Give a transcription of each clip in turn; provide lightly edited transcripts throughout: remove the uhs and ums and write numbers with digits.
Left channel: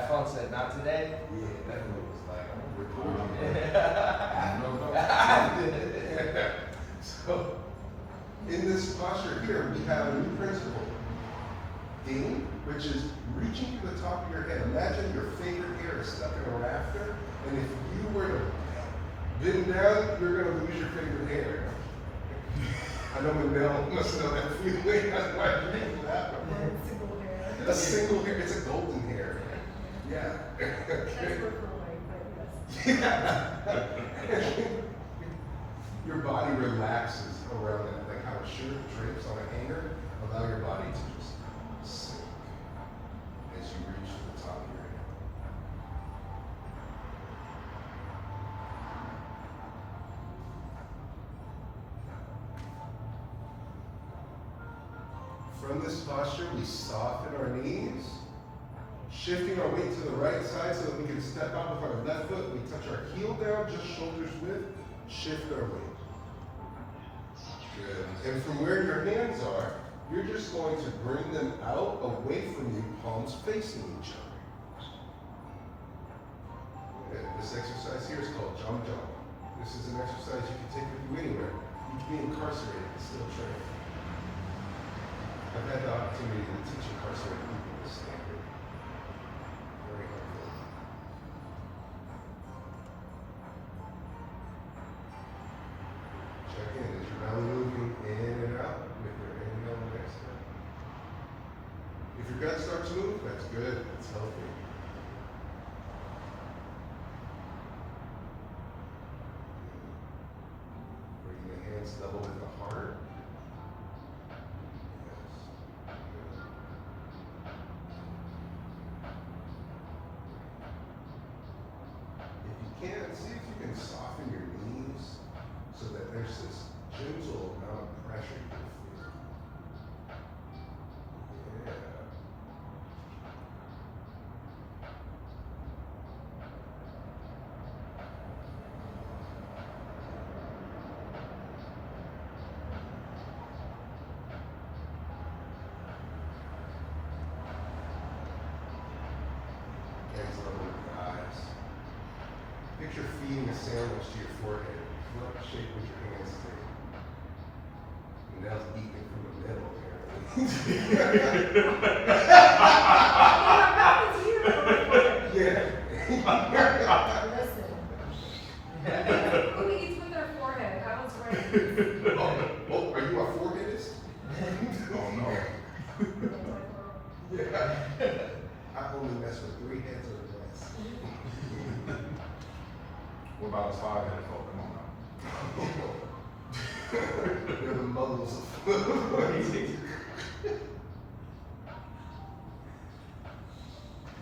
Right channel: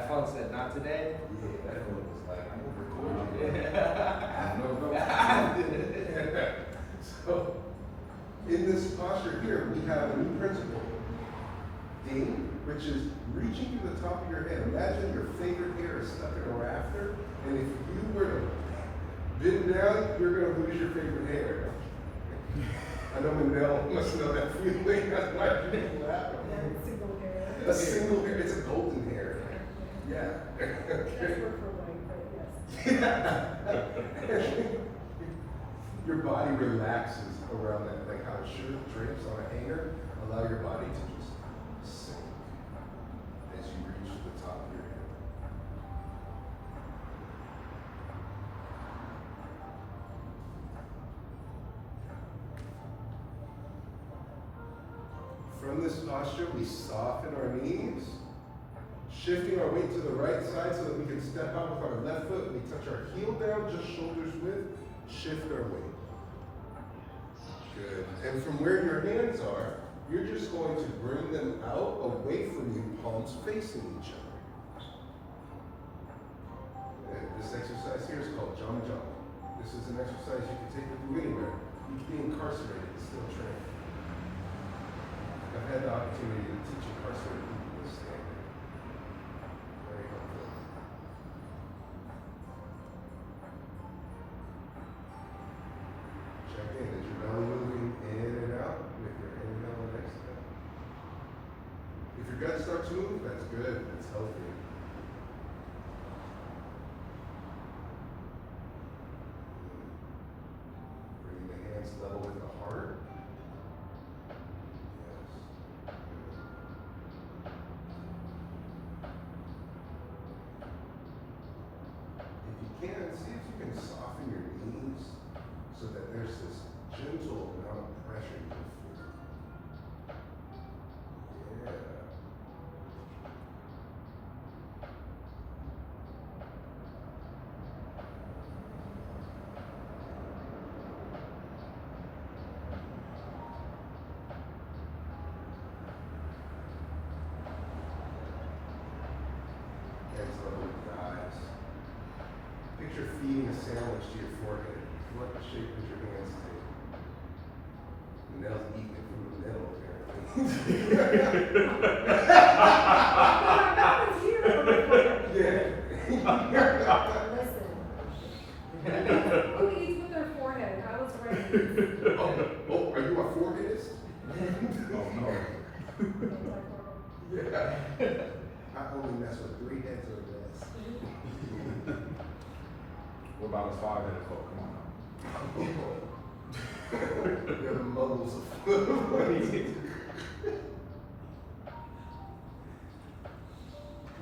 that funk said, not today. Yeah, that one was like, I'm recording. So, in this posture here, we have a new principle. Ding, which is reaching to the top of your head. Imagine your favorite hair is stuck in a rafter, and if you were to bend down, you're going to lose your favorite hair. I know Mandel must know that feeling. That's my big laugh. Single hair. A single hair, it's a golden hair. Yeah. That's for white, but Yeah. Your body relaxes around that, like how a shirt drapes on a hanger. Allow your body to just sink as you reach to the top of your head. From this posture, we soften our knees, shifting our weight to the right side so that we can step out with our left foot. We touch our heel down, just shoulders width, shift our weight. Good. And from where your hands are, you're just going to bring them out away from you, palms facing each other. Good. This exercise here is called Zhan Zhuang. This is an exercise you can take with you anywhere. You can be incarcerated and still train. I've had the opportunity to teach incarcerated people this standard. Very helpful. Check in. Is your belly moving in and out with your inhale and exhale? If your gut starts to move, that's good. That's healthy. Bring the hands level with the heart. See if you can soften your knees so that there's this gentle amount of pressure you can feel. Yeah. Hands level with the eyes. Picture feeding a sandwich to your forehead. What shape would your hands take? Nell's eating it from the middle, listen. Who eats with their forehead? I was raised. Oh, are you a foreheadist? Oh no. Yeah. I only mess with 3 heads or less. What about us hard-headed folk? Come on now. They're the muggles of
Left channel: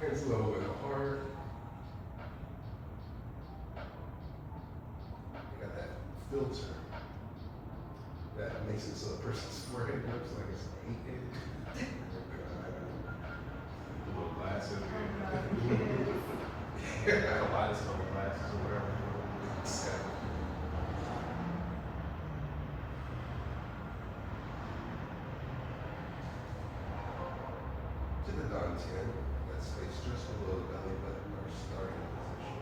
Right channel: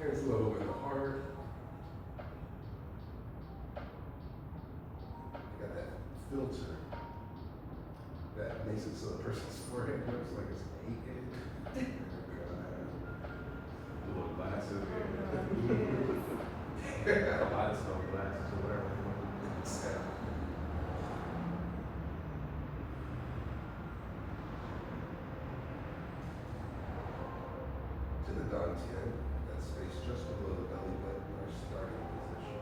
Hands low with the heart. You got that filter that makes it so the person's forehead looks like it's 8-headed. The little glasses. Yeah. Kaleidoscope glasses or whatever. Exactly. To the dantian, that space just below the belly button, our starting position.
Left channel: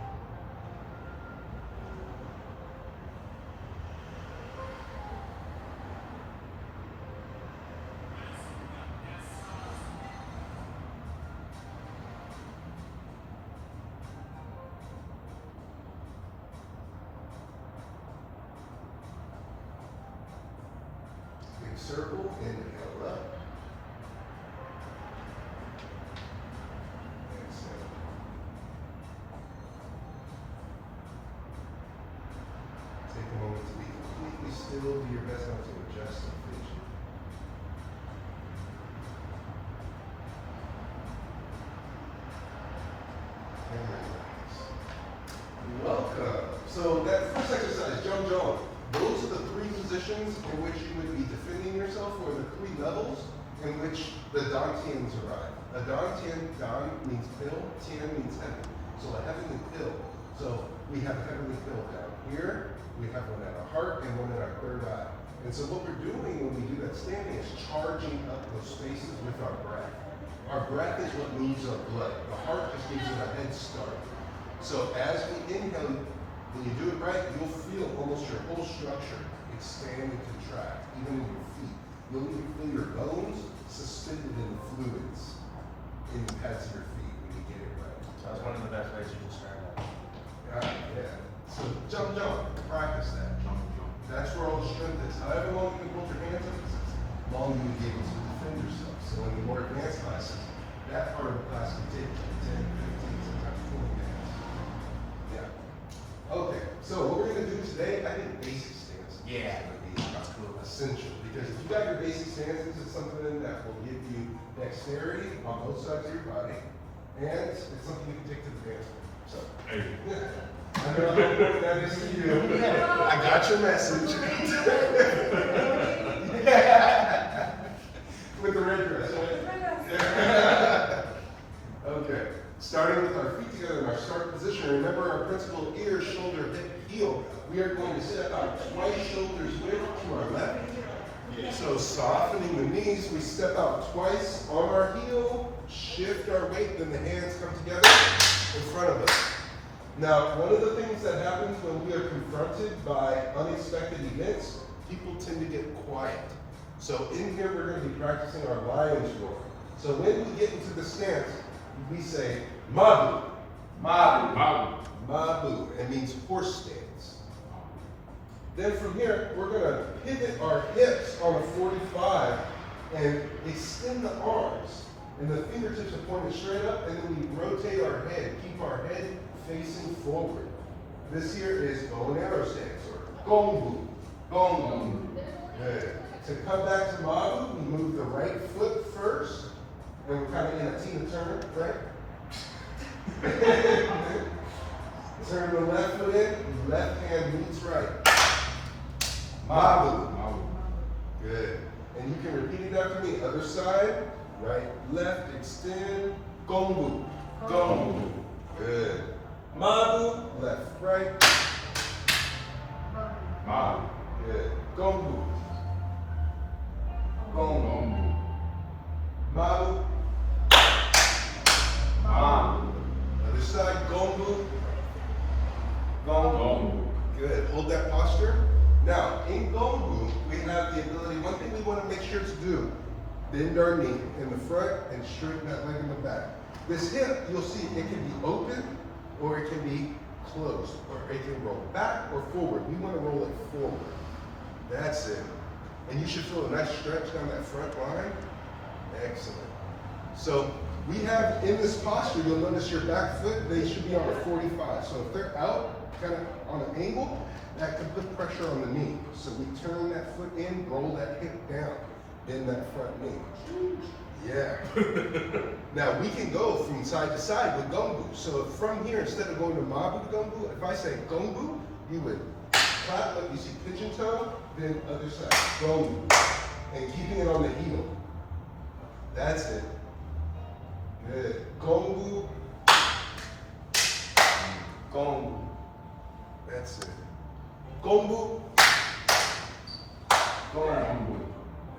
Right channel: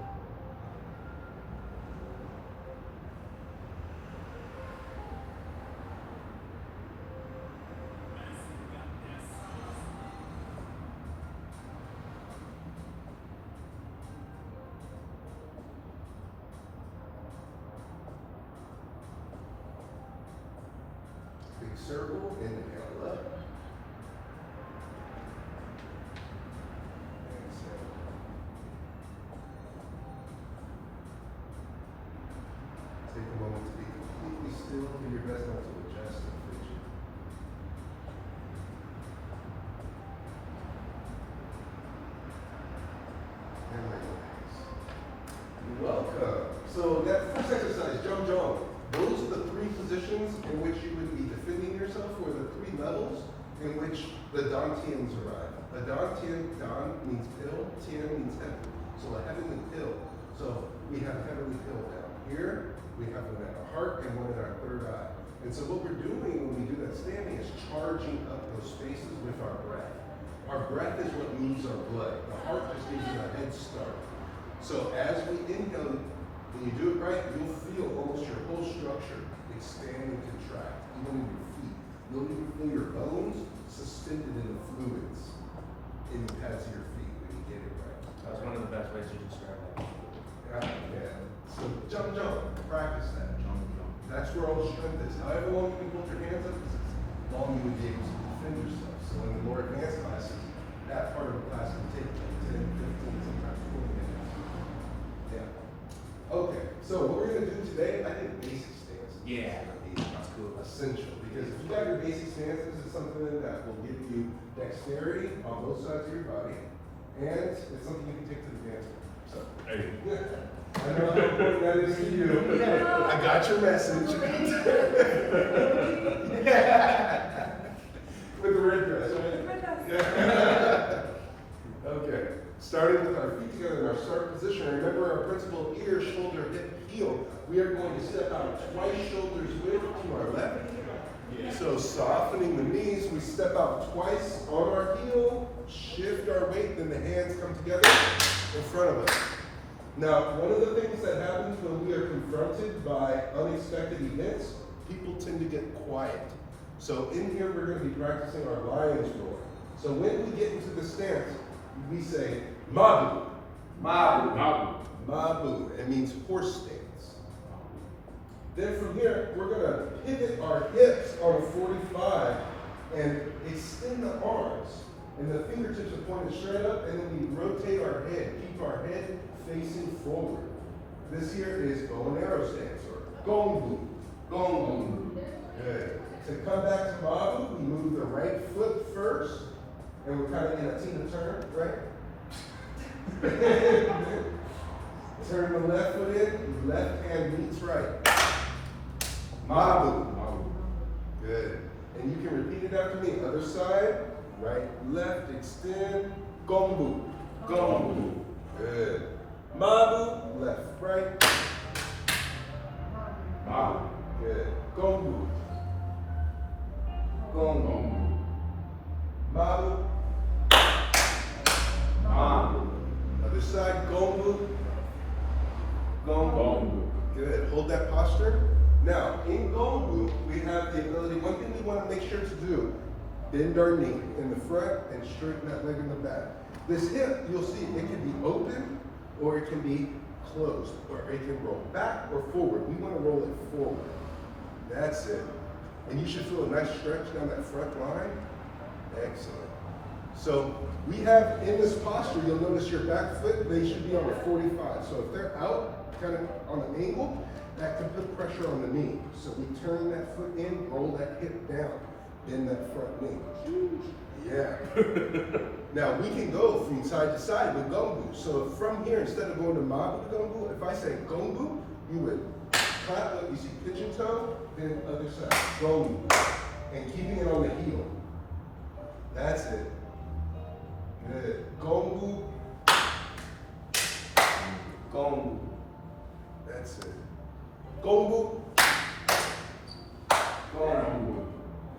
Big circle, inhale up. Exhale. Take a moment to be completely still. Do your best not to adjust the vision. And relax. Welcome. So that first exercise, Zhan Zhuang, those are the 3 positions in which you would be defending yourself, or the 3 levels in which the dantians arrive. A dantian, dan means pill, tian means heaven. So a heavenly pill. So we have a heavenly pill down here, we have one at our heart, and one at our third eye. And so what we're doing when we do that standing is charging up those spaces with our breath. Our breath is what moves our blood. The heart just gives it a head start. So as we inhale, when you do it right, you'll feel almost your whole structure expand and contract, even in your feet. You'll even feel your bones suspended in the fluids in the pads of your feet when you get it right. That's one of the best ways you describe that. Yeah. So jump, practice that. That's where all the strength is. However long you can hold your hands up, is as long as you be able to defend yourself. So in the more advanced classes, that part of the class can take like 10, 15, sometimes 20 minutes. Yeah. Okay, so what we're gonna do today, I think basic stance is Yeah. gonna be essential. Because if you got your basic stance, this is something that will give you dexterity on both sides of your body. And it's something you can take to the dance floor. So, Hey. I don't know how important that is to you. I got your message. With the red dress, right? Yeah. Okay. Starting with our feet together in our start position. Remember our principle of ear, shoulder, hip, heel. We are going to step out twice, shoulders width to our left. So softening the knees, we step out twice on our heel, shift our weight, then the hands come together in front of us. Now, one of the things that happens when we are confronted by unexpected events, people tend to get quiet. So in here, we're going to be practicing our lion's roar. So when we get into the stance, we say, Mabu. Mabu. Mabu. Mabu. It means horse stance. Then from here, we're going to pivot our hips on a 45 and extend the arms. And the fingertips are pointed straight up, and then we rotate our head. Keep our head facing forward. This here is bow and arrow stance, or Gongbu. Gongbu. Good. To come back to Mabu, we move the right foot first, and we're kind of in a Tina turn, right? Turn the left foot in, left hand meets right. Mabu. Mabu. Good. And you can repeat it after me. Other side, right, left, extend, Gongbu. Gongbu. Good. Mabu, left, right. Mabu. Good. Gongbu. Gongbu. Gongbu. Mabu. Mabu. Other side, Gongbu. Gongbu. Gongbu. Good. Hold that posture. Now, in Gongbu, we have the ability, one thing we want to make sure to do, bend our knee in the front and straighten that leg in the back. This hip, you'll see, it can be open or it can be closed, or it can roll back or forward. We want to roll it forward. That's it. And you should feel a nice stretch down that front line. Excellent. So we have in this posture, you'll notice your back foot, they should be on a 45. So if they're out, kind of on an angle, that can put pressure on the knee. So we turn that foot in, roll that hip down, bend that front knee. Yeah. Now we can go from side to side with Gongbu. So from here, instead of going to Mabu to Gongbu, if I say Gongbu, you would clap like you see pigeon toe, then other side, Gongbu. And keeping it on the heel. That's it. Good. Gongbu. Gongbu. That's it. Gongbu. Gongbu.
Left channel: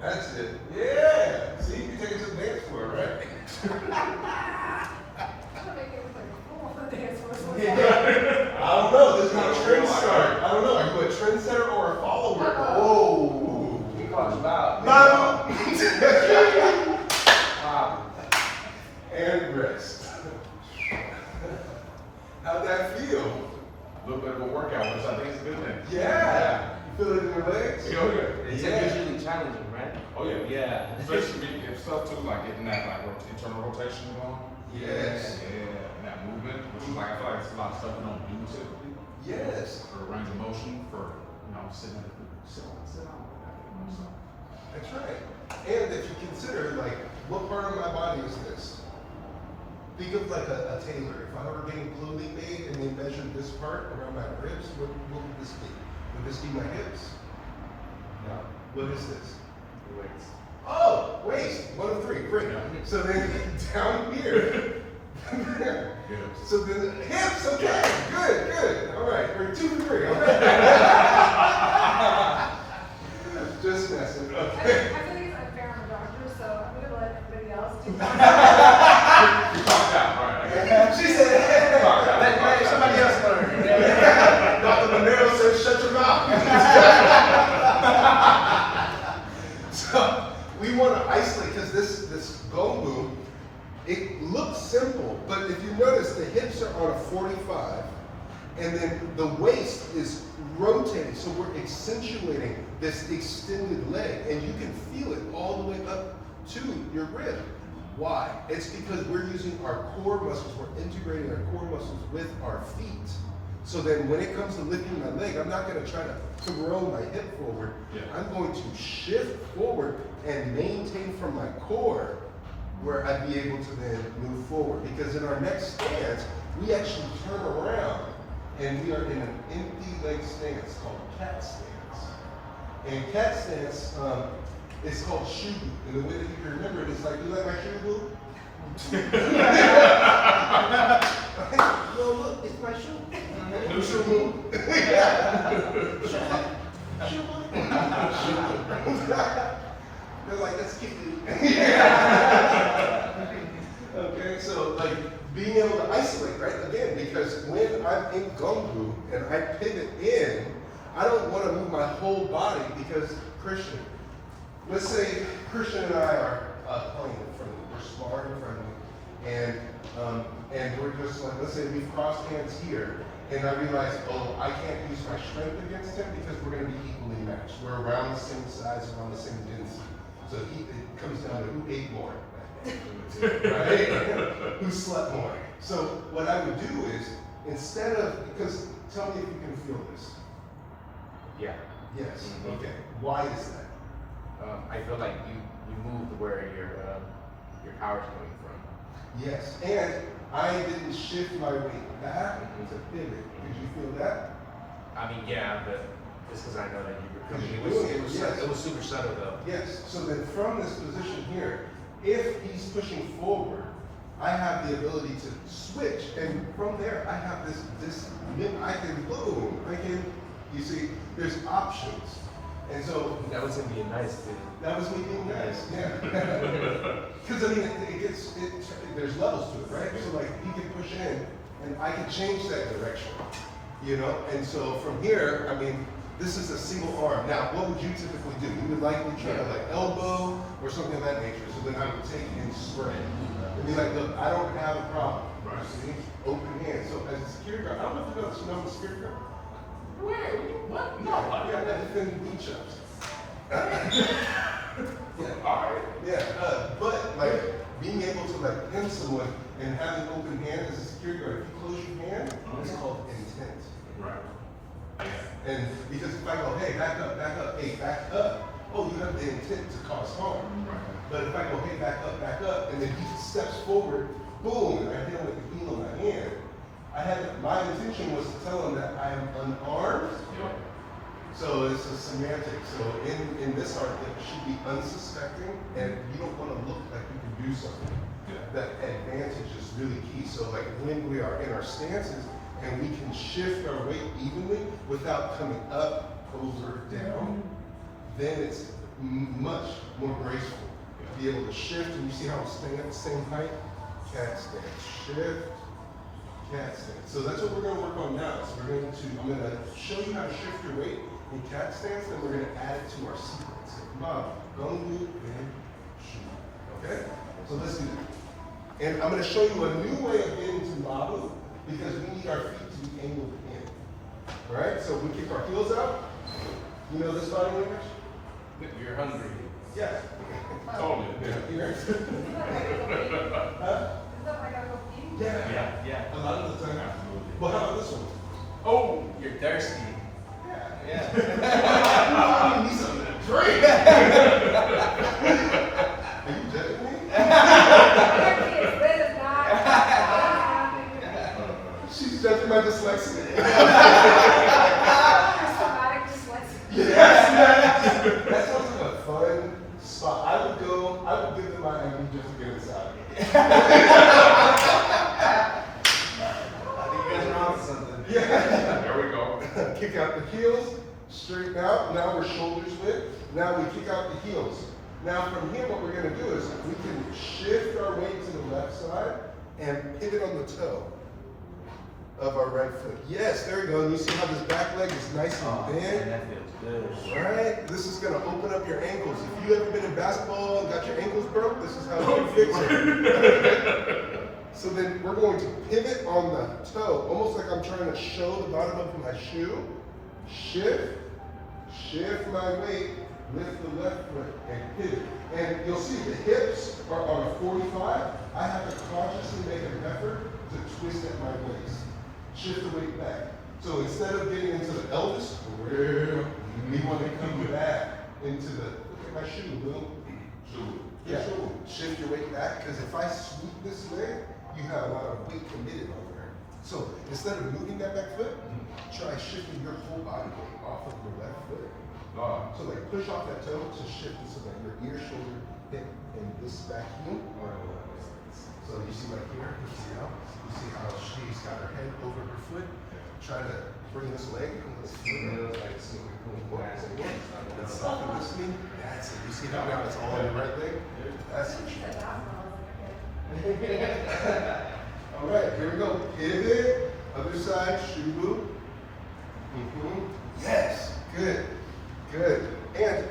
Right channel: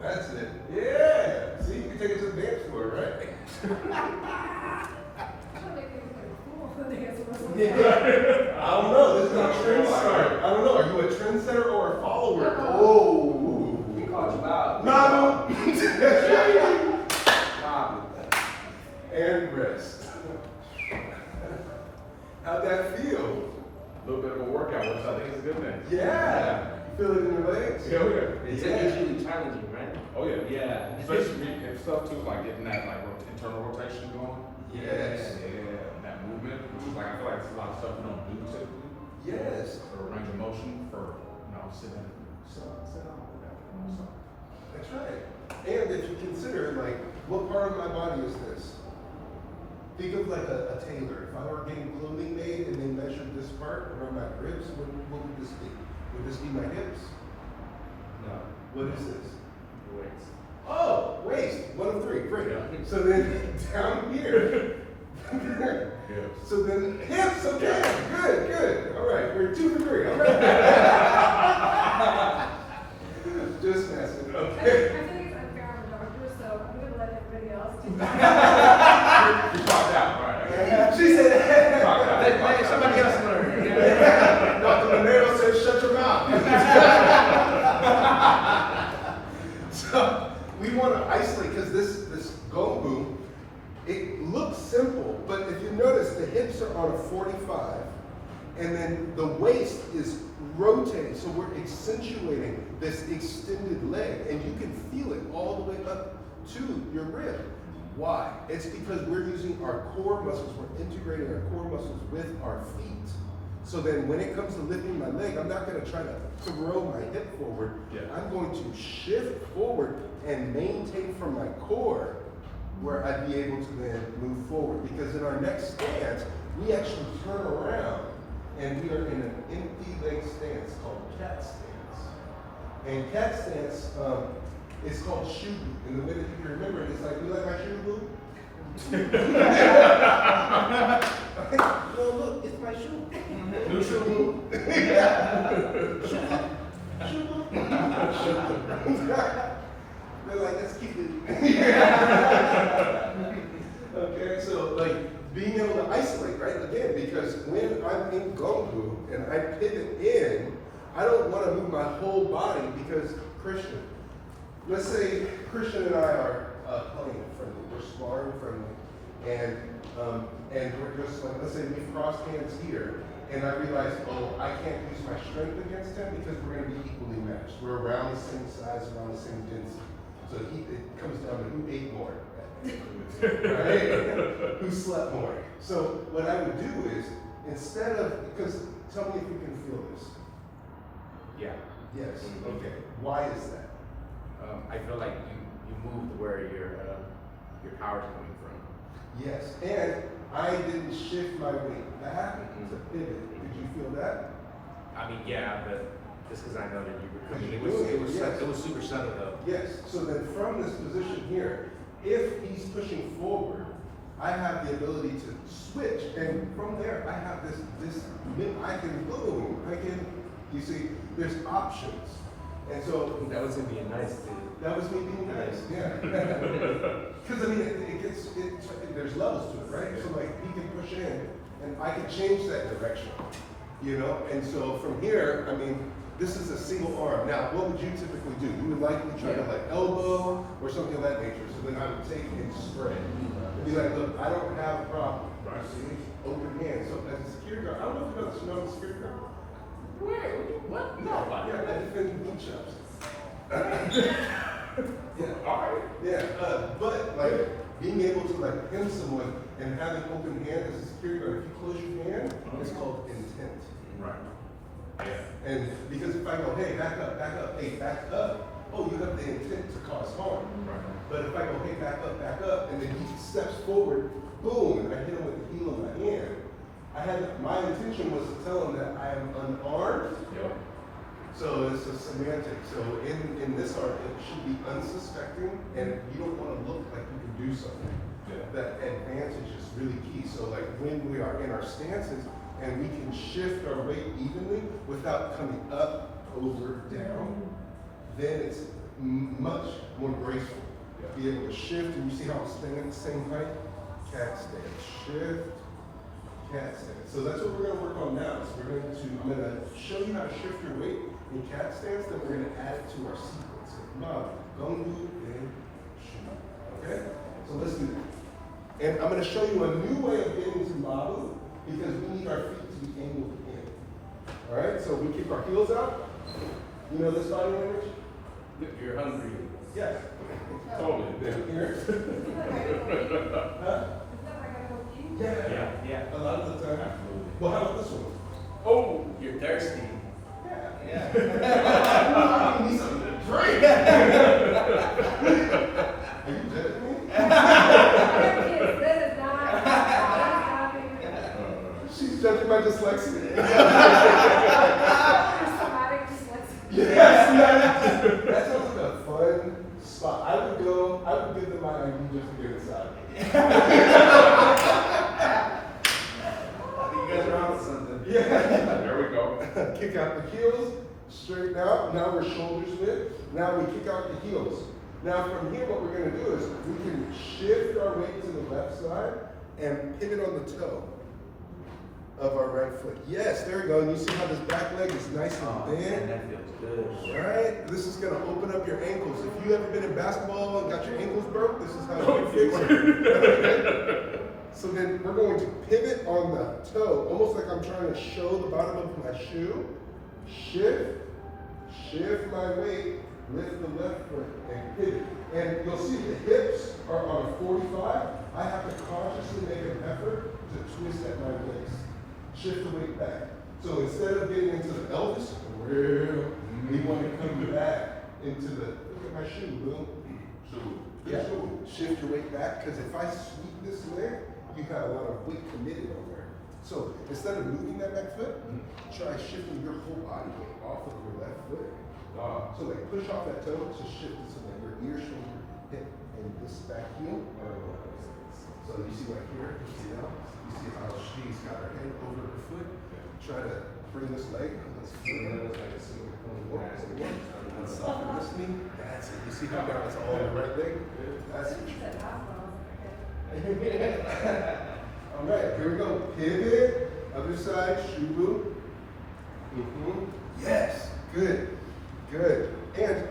That's it. Yeah. See, you can take it to the dance floor, right? Yeah. I don't know. This is not trendsetter. I don't know. Are you a trendsetter or a follower? Oh. We call you loud. Mabu. Mabu. And rest. How'd that feel? A little bit of a workout, which I think is a good thing. Yeah. Feel it in your legs? Hell yeah. It's usually challenging, right? Oh yeah. Yeah. Especially if stuff too, like getting that like internal rotation going. Yes. Yeah, that movement, which is like I feel like it's a lot of stuff we don't do typically. Yes. For range of motion, for sitting, sit on, whatever. So. That's right. And if you consider, like, what part of my body is this? Think of like a tailor. If I were getting clothing made and they measured this part around my ribs, what would this be? Would this be my hips? No. What is this? Waist. Oh, waist. 1 of 3. Great. Yeah. So then down here. Good. So then hips. Okay. Good. Good. All right. We're 2 for 3. Okay. Just messing. I Okay. feel like it's unfair on the doctor, so I'm gonna let everybody else do that. looks simple, but if you notice, the hips are on a 45, and then the waist is rotating, so we're accentuating this extended leg, and you can feel it all the way up to your rib. Why? It's because we're using our core muscles, we're integrating our core muscles with our feet. So then when it comes to lifting my leg, I'm not gonna try to throw my hip forward. Yeah. I'm going to shift forward and maintain from my core where I'd be able to then move forward. Because in our next stance, we actually turn around and we are in an empty leg stance called cat stance. And cat stance, it's called shoe boot. And the way that you can remember it is like, you like my shoe boot? No, look, it's my shoe. New shoe boot. Shoe boot. They're like, let's keep it. Okay, so like being able to isolate, right? Again, because when I'm in Gongbu and I pivot in, I don't want to move my whole body because Christian, let's say Christian and I are playing friendly, we're sparring friendly, and we're just like, let's say we've crossed hands here, and I realize, oh, I can't use my strength against him because we're going to be equally matched. We're around the same size, around the same density. So it comes down to who ate more, right? Who slept more. So what I would do is, instead of, because tell me if you can feel this. Yeah. Yes. Mhm. Okay. Why is that? I feel like you moved where your power's coming from. Yes. And I didn't shift my weight back to pivot. Did you feel that? I mean, yeah, but just because I know that you were coming, You're it doing was, it, yes. it was super subtle though. Yes. So then from this position here, if he's pushing forward, I have the ability to switch, and from there I have this I can boom, you see, there's options. And so That was him being nice, dude. that was me being nice, yeah. Because I mean, there's levels to it, right? So like he can push in, and I can change that direction, you know? And so from here, I mean, this is a single arm. Now, what would you typically do? You would likely try to like elbow or something of that nature. So then I would take and spread and be like, look, I don't have a problem. Right. See? Open hand. So as a security guard, I don't know if you know this, you know I'm a security guard. What? No. Yeah, I defend beach ups. Yeah. Alright. Yeah, but like being able to like pin someone and having open hand as a security guard, if you close your hand, it's called intent. Right. Yeah. And because if I go, hey, back up, hey, back up, oh, you have the intent to cause harm. Right. But if I go, hey, back up, and then he steps forward, boom, and I hit him with the heel of my hand, my intention was to tell him that I am unarmed. Yep. So it's a semantic. So in this art, it should be unsuspecting, and you don't want to look like you can do something. Yeah. That advantage is really key. So like when we are in our stances, and we can shift our weight evenly without coming up, over, down, then it's much more graceful. Yeah. Be able to shift, and you see how it's staying at the same height? Cat stance, shift, cat stance. So that's what we're going to work on now. So I'm going to show you how to shift your weight in cat stance, then we're going to add it to our sequence. So come on, Gongbu, and shoot. Okay? So let's do that. And I'm going to show you a new way of getting to Mabu, because we need our feet to be angled in. All right, so we kick our heels out. You know this body language? You're hungry. Yes. Totally. Yeah. Here. Huh? Yeah. Yeah. A lot of the time. Absolutely. Well, how about this one? Oh, you're thirsty. Yeah. Yeah. I need something to drink. Are you judging me? She's judging my dyslexia. Yes, that sounds like a fun spot. I would give them my ID just to get inside. I think you guys are on something. Yeah. There we go. Kick out the heels, straighten out. Now we're shoulders width. Now we kick out the heels. Now from here, what we're going to do is we can shift our weight to the left side and pivot on the toe of our right foot. Yes, there we go. And you see how this back leg is nice and bent? That feels good. Right? This is going to open up your ankles. If you ever been in basketball and got your ankles broke, this is how you fix it. we're going to pivot on the toe, almost like I'm trying to show the bottom of my shoe. Shift my weight, lift the left foot, and pivot. And you'll see the hips are on a 45. I have to consciously make an effort to twist at my waist. Shift the weight back. So instead of getting into the Elvis, we want to come back into the, look at my shoe, boom. Yeah. Shift your weight back, because if I sweep this leg, you got a lot of weight committed on there. So instead of moving that back foot, try shifting your whole body weight off of your left foot. So like push off that toe to shift it so that your ear, shoulder, hip, and this back heel are aligned. So you see right here, you see how she's got her hand over her foot. Try to bring this leg and let's soften this knee. That's it. You see how now it's all on your right leg? That's what you All right, here we go. Pivot, other side, shoe loop. Yes, good. And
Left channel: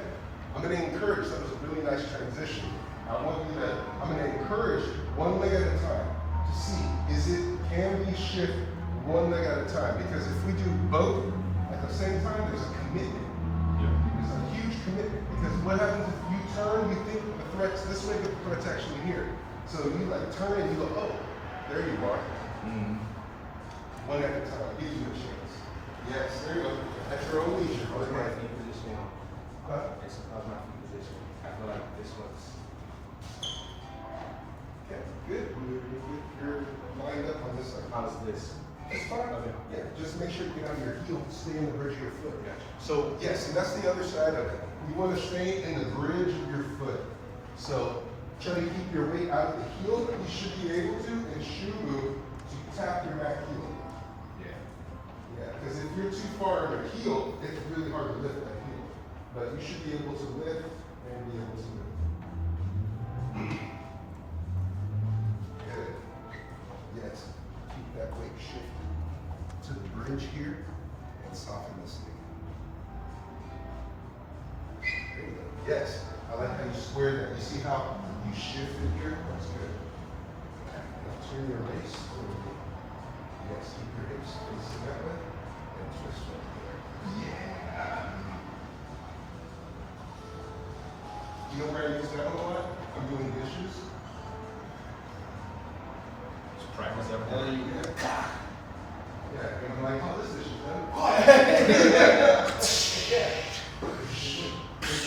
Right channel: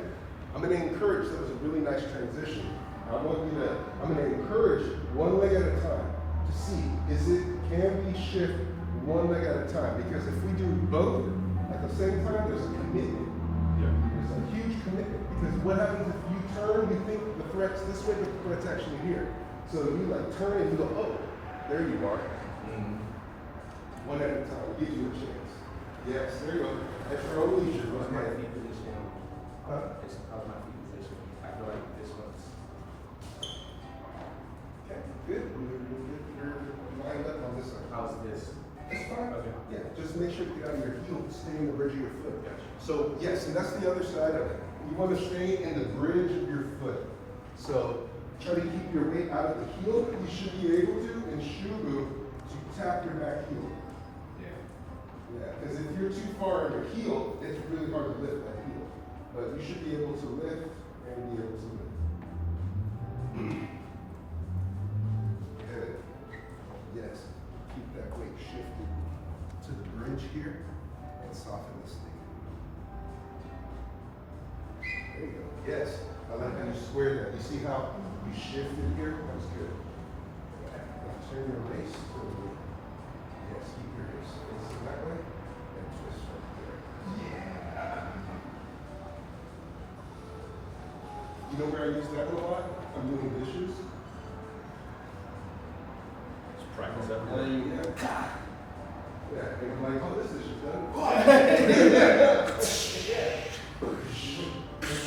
I'm going to encourage, that was a really nice transition. I'm going to encourage one leg at a time to see, can we shift one leg at a time? Because if we do both at the same time, there's a commitment. Yeah. There's a huge commitment. Because what happens if you turn, you think the threat's this way, but the threat's actually here. So you like turn and you go, oh, there you are. One at a time, give you a chance. Yes, there you go. At your own leisure. How's my feet position? Huh? How's my feet position? I feel like this one's. Okay, good. You're lined up on this side. How's this? Just fine. Okay. Yeah, just make sure you get on your heel, stay in the bridge of your foot. Gotcha. So yes, and that's the other side of it. You want to stay in the bridge of your foot. So try to keep your weight out of the heel. You should be able to, in shoe move, to tap your back heel. Yeah, because if you're too far on your heel, it's really hard to lift that heel. But you should be able to lift and be able to lift. Good. Yes. Keep that weight shifted to the bridge here and soften this thing. There you go. Yes. I like how you square that. You see how you shifted here? That's good. Turn your waist a little bit. Yes, keep your hips facing that way and twist right there. Yeah. You know where I use that a lot? I'm doing dishes. Just practice every Yeah, day. yeah, and I'm like, oh, this dish is done.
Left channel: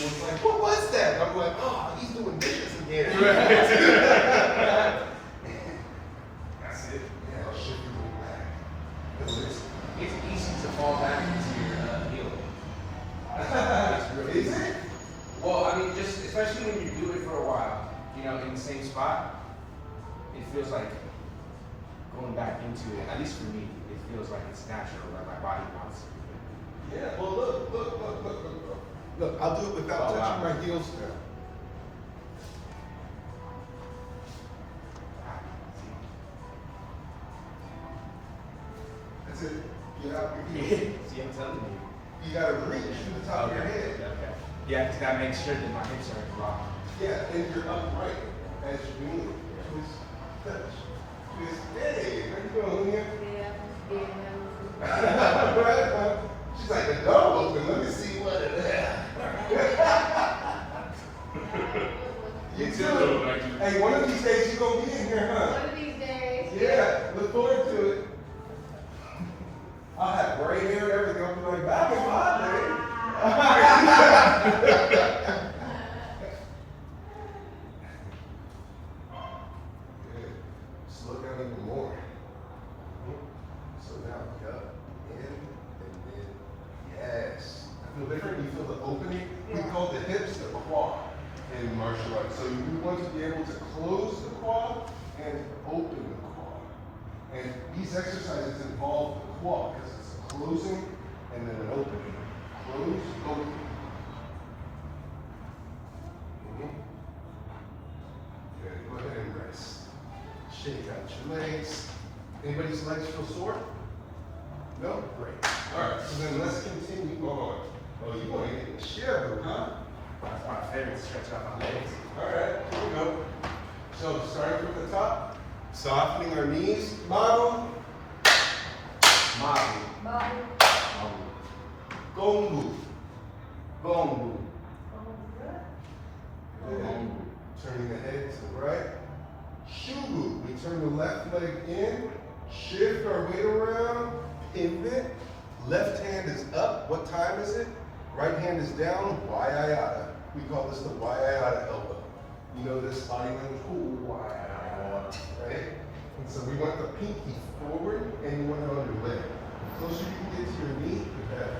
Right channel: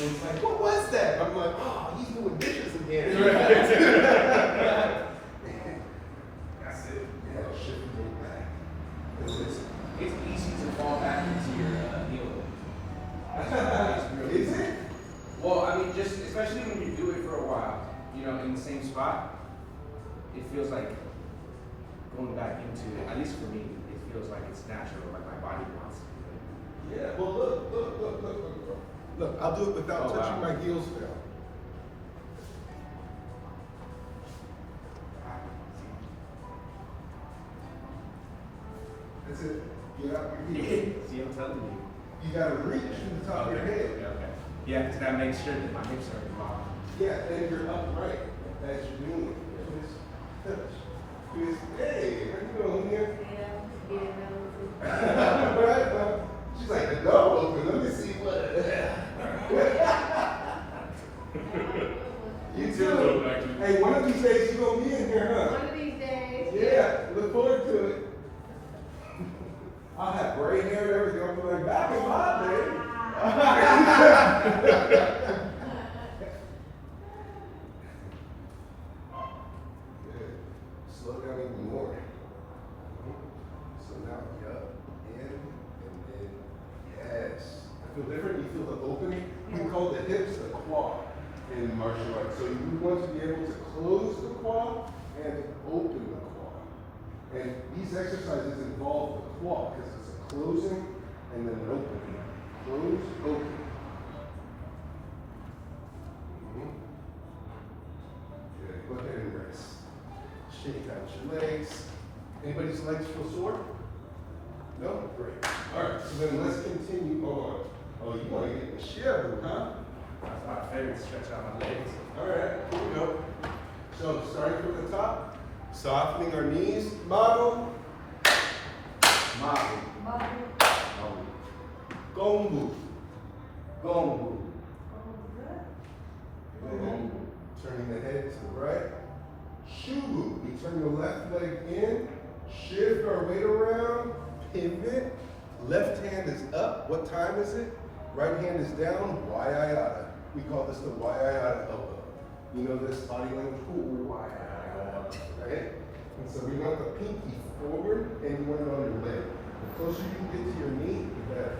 It's like, what was that? And I'm like, oh, he's doing dishes again. That's it. Yeah, shift your weight back. That's it. It's easy to fall back into your heel. Is it? Well, I mean, just especially when you do it for a while, you know, in the same spot, it feels like going back into it. At least for me, it feels like it's natural, like my body wants it. Yeah, well, look. Look, I'll do it without touching my heels down. That's it. Get out your heels. See, I'm telling you. You gotta reach to the top of your head. Okay. Yeah, because that makes sure that my hips are locked. Yeah, and you're upright as you move. Twist, touch, twist. Hey, how you doing, here? Right? She's like, the door open. Let me see what. You too. Hey, one of these days you're gonna be in here, huh? One of these days. Yeah, look forward to it. I'll have gray hair and everything. I'm like, back in my day. Good. Slow down even more. So now, up, in, and in. Yes. I feel different. You feel the opening. We call the hips the quad in martial arts. So you want to be able to close the quad and open the quad. And these exercises involve the quad because it's a closing and then an opening. Close, open. Good. Go ahead and rest. Shake out your legs. Anybody's legs feel sore? No? Great. All right, so then let's continue on. Well, you want to get in the chair, huh? That's my favorite, stretch out my legs. All right, here we go. So starting from the top, Softening our knees. Mabu. Mabu. Mabu. Gongbu. Gongbu. Good. Turning the head to the right. Shubu. We turn the left leg in. Shift our weight around. Pivot. Left hand is up. What time is it? Right hand is down. Waiayata. We call this the Waiayata elbow. You know this body language? Ooh, Waiayata. Right? And so we want the pinky forward and you want it on your leg. The closer you can get to your knee, the better.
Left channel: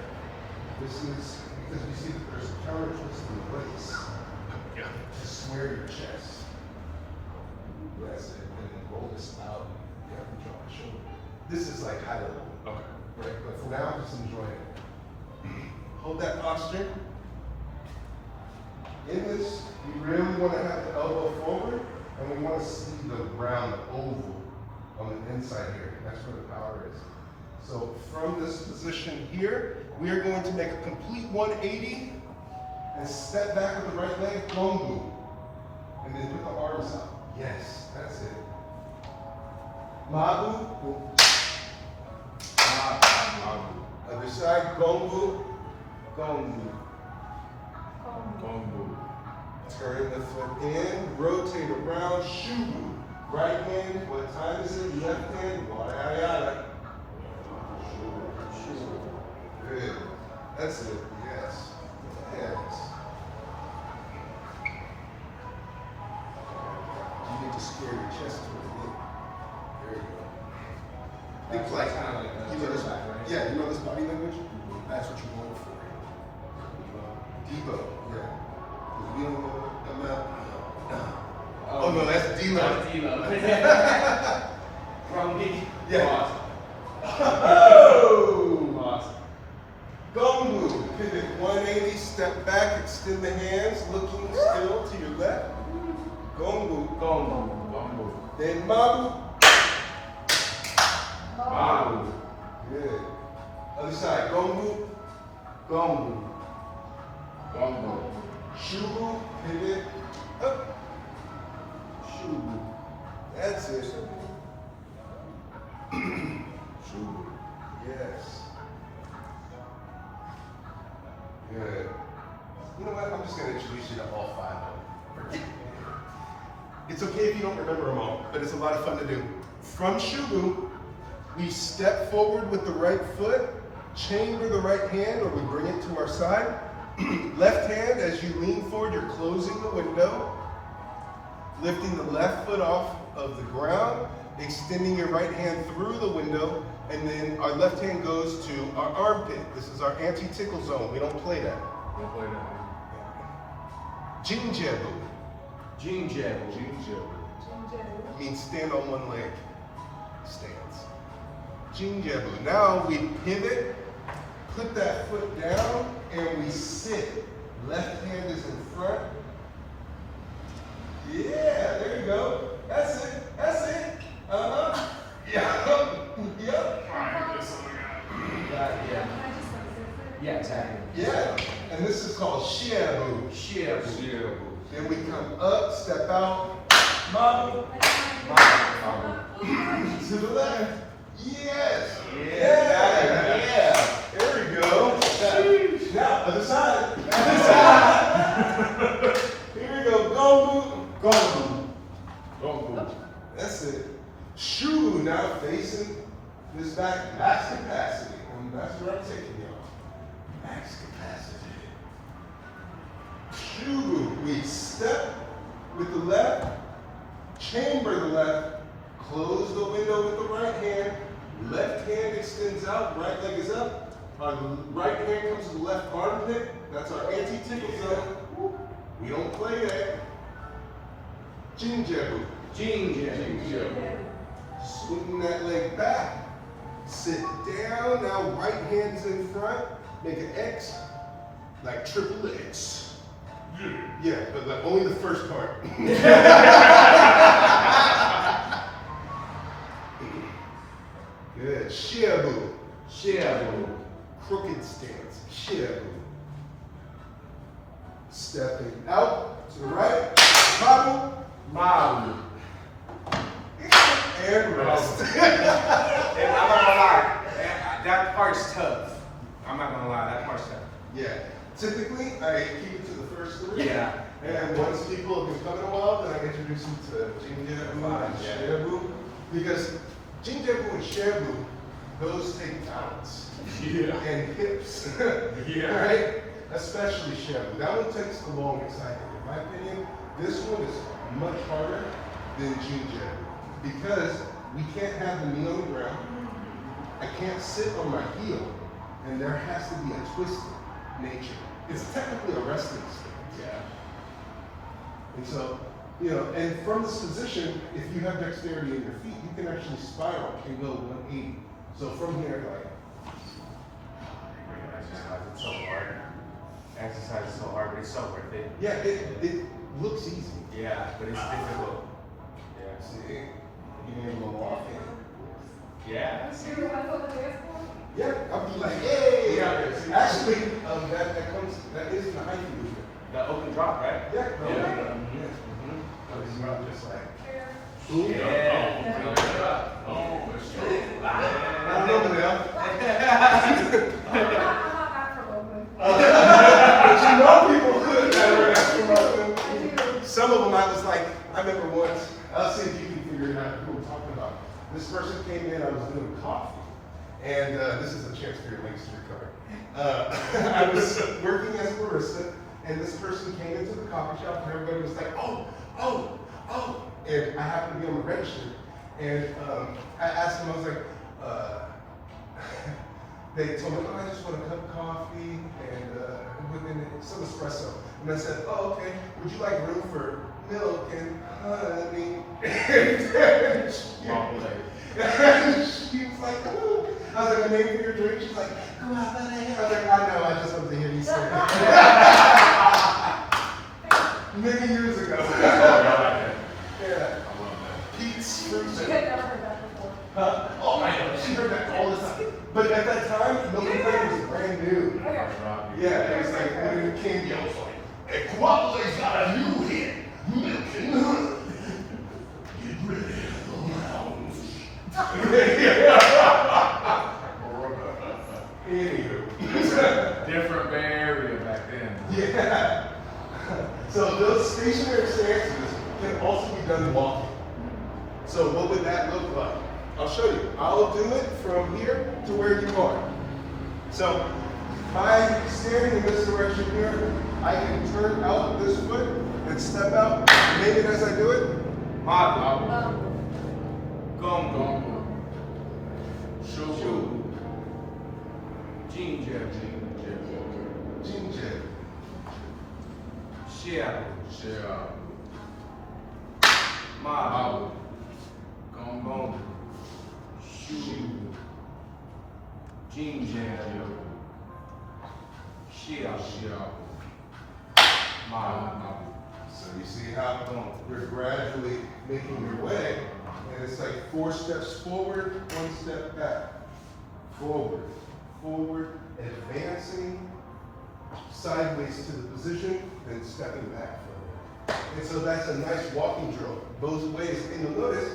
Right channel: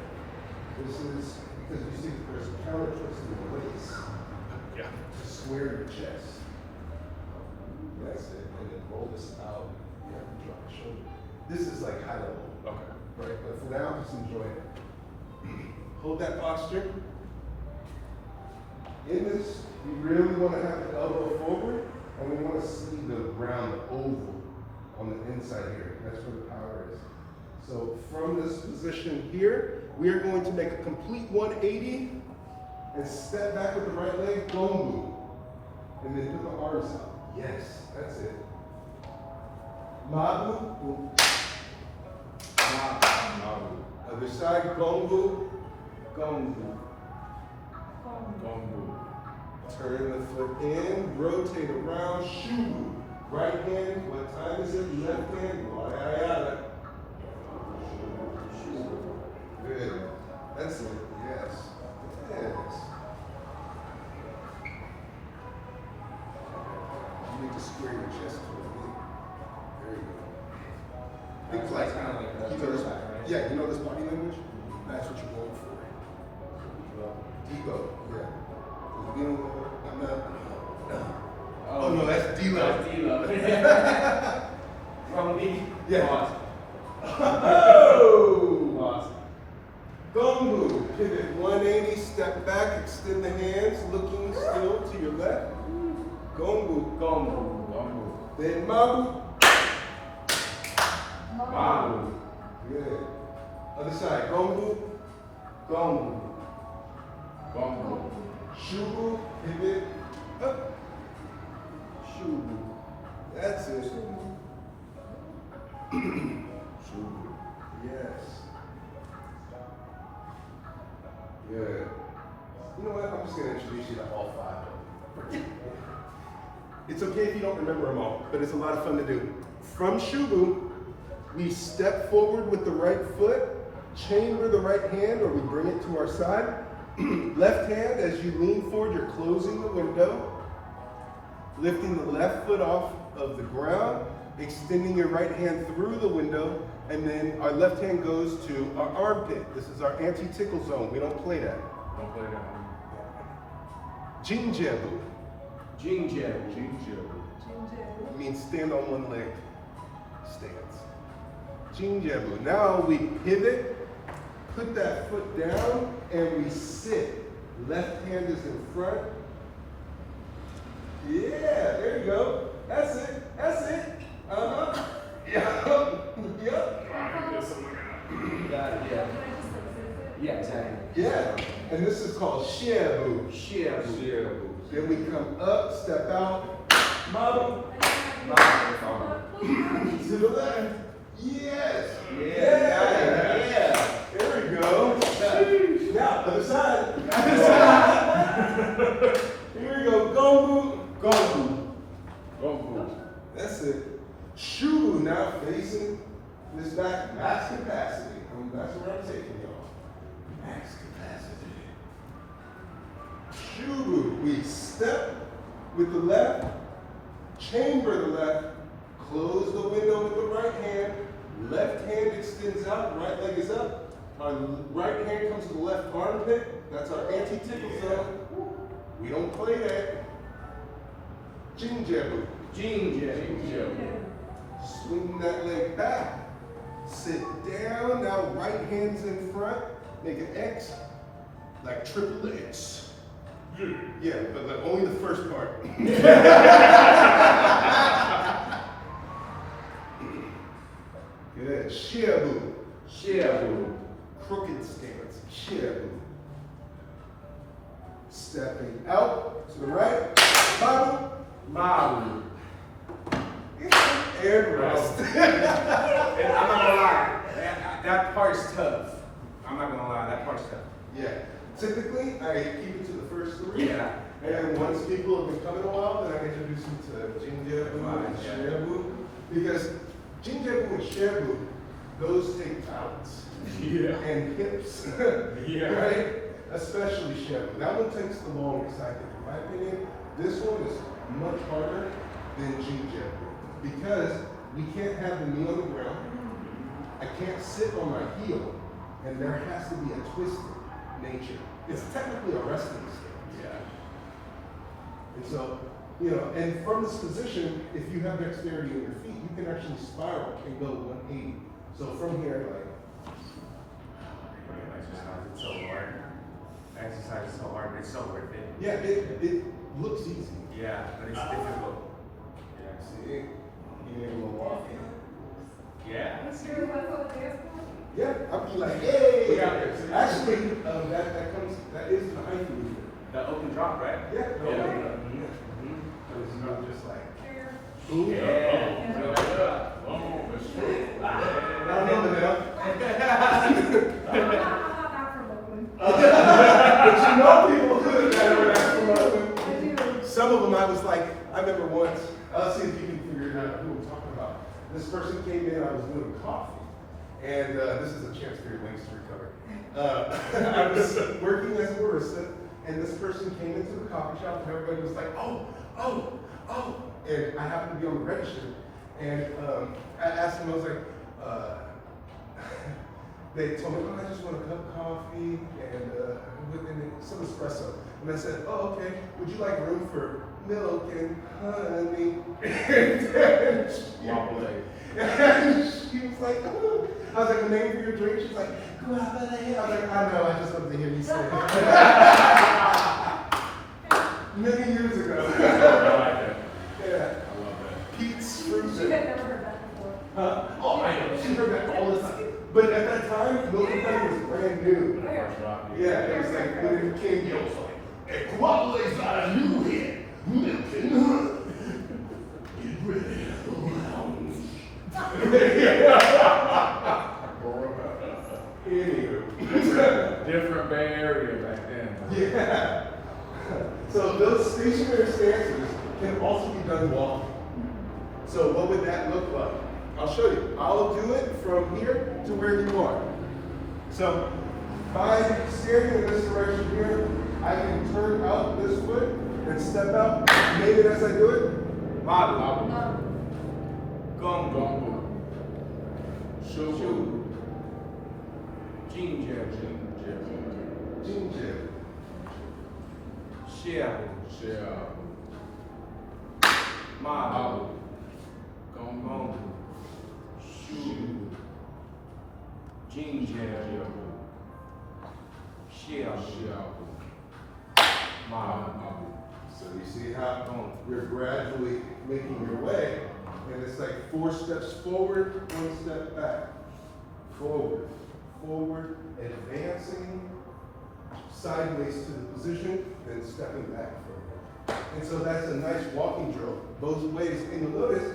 This is because we see that there's a counter twist in the waist. Yeah. To square your chest. That's it. And then roll this out. Yeah, drop my shoulder. This is like high level. Okay. Right, but for now, just enjoy it. Hold that posture. In this, you really want to have the elbow forward, and we want to see the round oval on the inside here. That's where the power is. So from this position here, we are going to make a complete 180 and step back with the right leg, Gongbu. And then put the arms out. Yes, that's it. Mabu. Other side, Gongbu. Gongbu. Gongbu. Turn the foot in, rotate around, Shu. Right hand, what time is it? Left hand, Waiayata. Good. That's it. Yes. Yes. You need to square your chest towards the knee. There you go. It's like kind of like you know this, side, right? yeah, you know this body language? That's what you're going for. Debo, yeah. You know, I'm not. Oh no, that's Delo. That's D-Lo. From me. Yeah. Oh! Oh! Gongbu, pivot 180, step back, extend the hands, looking still to your left. Gongbu, Gongbu. Gongbu. then Mabu. Mabu. Good. Other side, Gongbu, Gongbu. Gongbu. Shubu, pivot, up. Shubu. That's it. Shubu. Yes. Good. You know what? I'm just going to introduce you to all five of them. It's okay if you don't remember them all, but it's a lot of fun to do. From Shubu, we step forward with the right foot, chamber the right hand, or we bring it to our side. Left hand, as you lean forward, you're closing the window, lifting the left foot off of the ground, extending your right hand through the window, and then our left hand goes to our armpit. This is our anti-tickle zone. We don't play that. Don't play that. Jinjebu Jinjebu. It means stand on one leg. Stance. Jinjebu. Now we pivot, put that foot down, and we sit. Left hand is in front. Yeah, there you go. That's it. That's it. Uh-huh. Yeah. Yep. Yeah. Yeah, exactly. Yeah. And this is called Shiabu. Shiabu. Then we come up, step out. Mabu. To the left. Yes. Yeah. There we go. Now, other side. Here we go. Gongbu. Gongbu. Gongbu. That's it. Shu now facing this back. Max capacity. And that's where I'm taking y'all. Max capacity. Shu. We step with the left, chamber the left, close the window with the right hand. Left hand extends out, right leg is up. Our right hand comes to the left armpit. That's our anti-tickle zone. We don't play that. Jinjebu. Jinjebu. Swing that leg back. Sit down. Now right hand's in front. Make an X. Like triple X. Yeah, but like only the first part. Good. Shiabu. Shiabu. Crooked stance. Shiabu. Stepping out to the right. Mabu. Mabu. Yeah. and rest. And I'm not gonna lie, that part's tough. I'm not gonna lie, that part's tough. Yeah. Typically, I keep it to the first three. Yeah. And once people have been coming a while, then I introduce them to Jingjabu and Yeah. Shabu. Because Jingjabu and Shabu, those take balance. Yeah. And hips. Yeah. Right? Especially Shabu. That one takes the longest, I think. In my opinion, this one is much harder than Jingjabu. Because we can't have the knee on the ground. I can't sit on my heel. And there has to be a twisted nature. It's technically a wrestling stance. Yeah. And so, you know, and from this position, if you have dexterity in your feet, you can actually spiral and go 180. So from here, like, It's so hard. Exercise is so hard, but it's so worth it. yeah, it looks easy. Yeah, but it's difficult. Yeah. See, being able to walk in. Yeah. So you want to go to the dance floor? Yeah, I'll be like, hey! Yeah. Actually, that is in the hiking movement. The open drop, right? Yeah, no, Yeah. yeah. Mhm. That was not just like, Here. ooh, Yeah. Oh, oh, it's true. I don't know now. I'm not that provoking. But you know people who I do. some of them I was like, I remember once, I'll see if you can figure it out who we're talking about. This person came in, I was doing coffee. And this is a chance for your links to recover. I was working as a barista, and this person came into the coffee shop, and everybody was like, oh, oh, oh. And I happened to be on the register. And I asked them, I was like, they told me, oh, I just want a cup of coffee and some espresso. And I said, oh, okay, would you like room for milk and honey? And she was like, oh. I was like, a name for your drink? She's like, go out there. I was like, I know, I just wanted to hear you say that. Many years ago. Yeah. I love that. Pete's fruit. She had never heard that before. Oh, I know. She heard that all the time. But at that time, Milk and Honey was brand new. Okay. Yeah, it was like when it came to A quattle's not a new hit. Milk and honey. Get ready for the rounds. Anywho. Different Bay Area back then. Yeah. So those stationary stances can also be done walking. So what would that look like? I'll show you. I'll do it from here to where you are. So by standing in this direction here, I can turn out this foot and step out. Name it as I do it. Mabu. Gongbu. Gongbu. Shu. Jingjabu. Jinja. Shabu. Share. Mabu. Gongbu. Gongbu. Shu. Jingjabu. Shabu. Mabu. So you see how you're gradually making your way, and it's like 4 steps forward, 1 step back. Forward, forward, advancing, sideways to the position, then stepping back forward. And so that's a nice walking drill. Those ways, and you'll notice,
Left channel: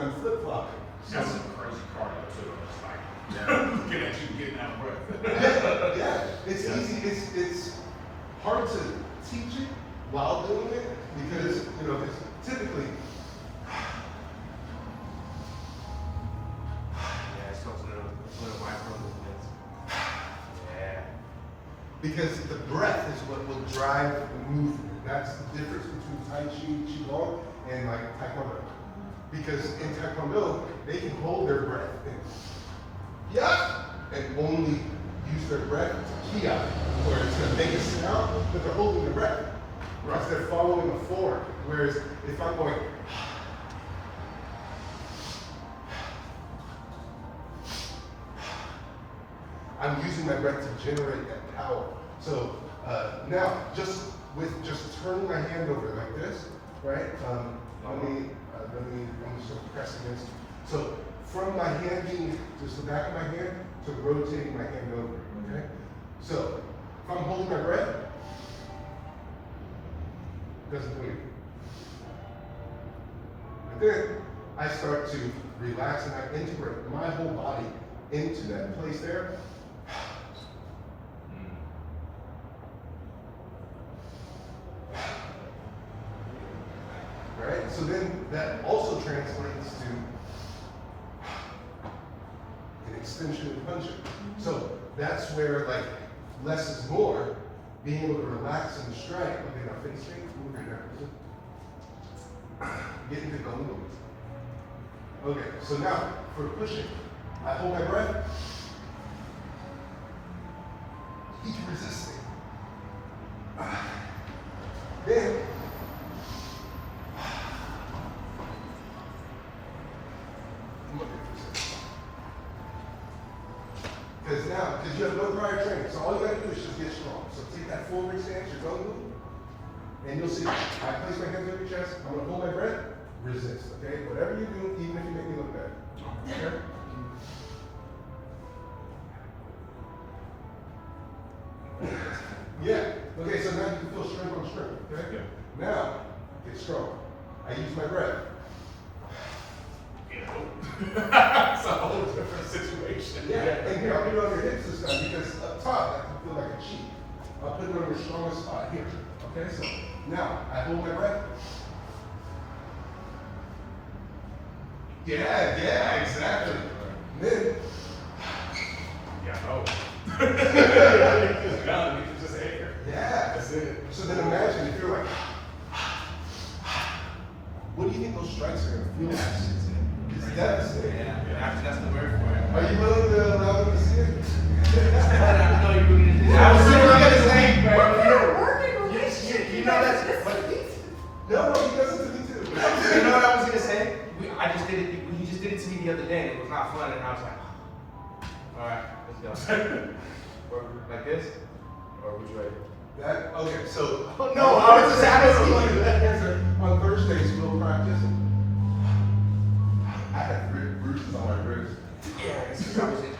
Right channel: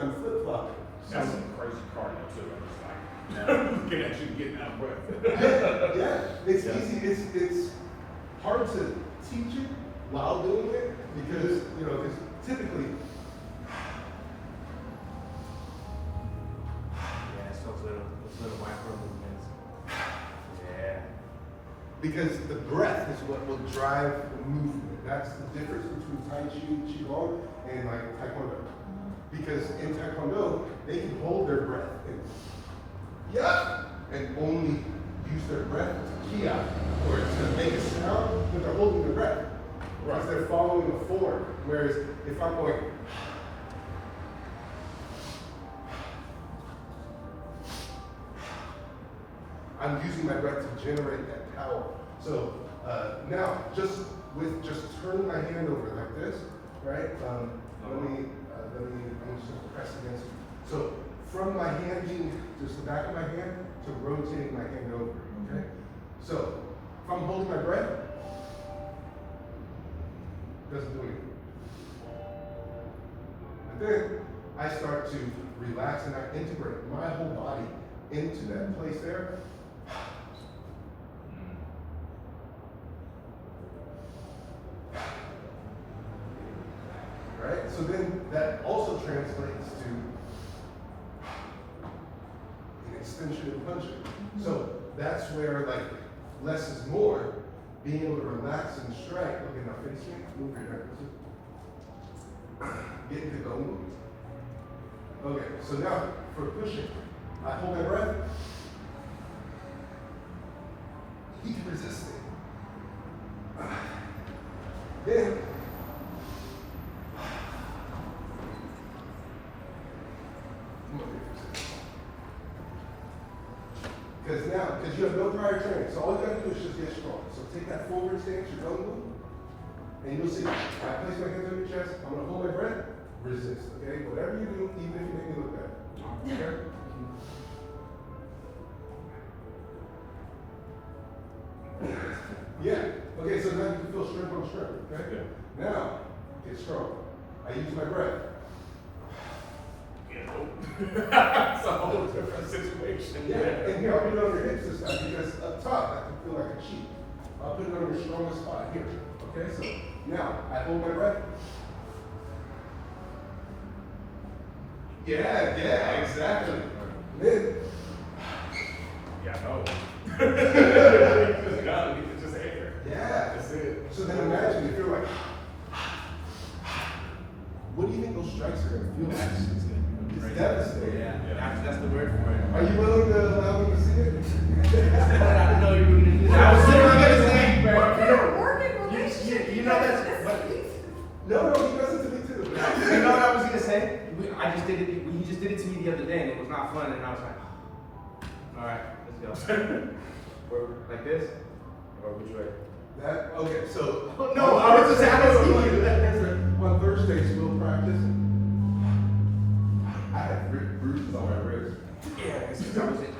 I'm flip-flopping. That's some crazy cardio too. I'm just like, looking at you getting out of breath. Yeah, it's Yeah. easy, it's hard to teach it while doing it, because, you know, it's typically, Yeah, it's those little micro movements. Yeah. because the breath is what will drive the movement. That's the difference between Taiji Qigong and like Taekwondo. Because in Taekwondo, they can hold their breath and and only use their breath to ki out, or to make a sound, but they're holding their breath. Because they're following the form. Whereas if I'm going, I'm using my breath to generate that power. So now, just turning my hand over like this, right? Let me just press against you. So from my hand being just the back of my hand to rotating my hand over. Okay. So if I'm holding my breath, it doesn't do anything. But then I start to relax and I integrate my whole body into that place there. All right, so then that also translates to an extension and punching. So that's where like less is more, being able to relax and strike. Okay, now face straight, move your nerves. Get into Gongbu. Okay, so now for pushing, I hold my breath. Keep resisting. Then, because you have no prior training, so all you gotta do is just get strong. So take that forward stance, your Gongbu, and you'll see, I place my hands on your chest, I'm gonna hold my breath, resist, okay? Whatever you do, even if you make me look bad. Okay? Yeah, okay, so now you can feel strength on strength, okay? Yeah. Now, get strong. I use my breath. It's a whole different situation. Yeah, and here, I'll put it on your hips this time, because up top, that can feel like a cheat. I'll put it on your strongest spot here, okay? So, now, I hold my breath. Yeah, exactly. Then, Yeah, no. It's just air. yeah. That's it. So then imagine if you're like, what do you think those strikes are gonna feel like? It's devastating. Yeah, that's the word for it. Are you willing to allow them to see it? I didn't know you were gonna do that. I was literally gonna say, bro. We're a working relationship. You know that's No, he does it to me too. You know what I was gonna say? I just did it. He just did it to me the other day, and it was not fun. And I was like, all right, let's go. Or like this, or which way? That, okay, so. No, I was just asking you. On Thursdays, we'll practice. I had bruises on my ribs. Yeah, because I was in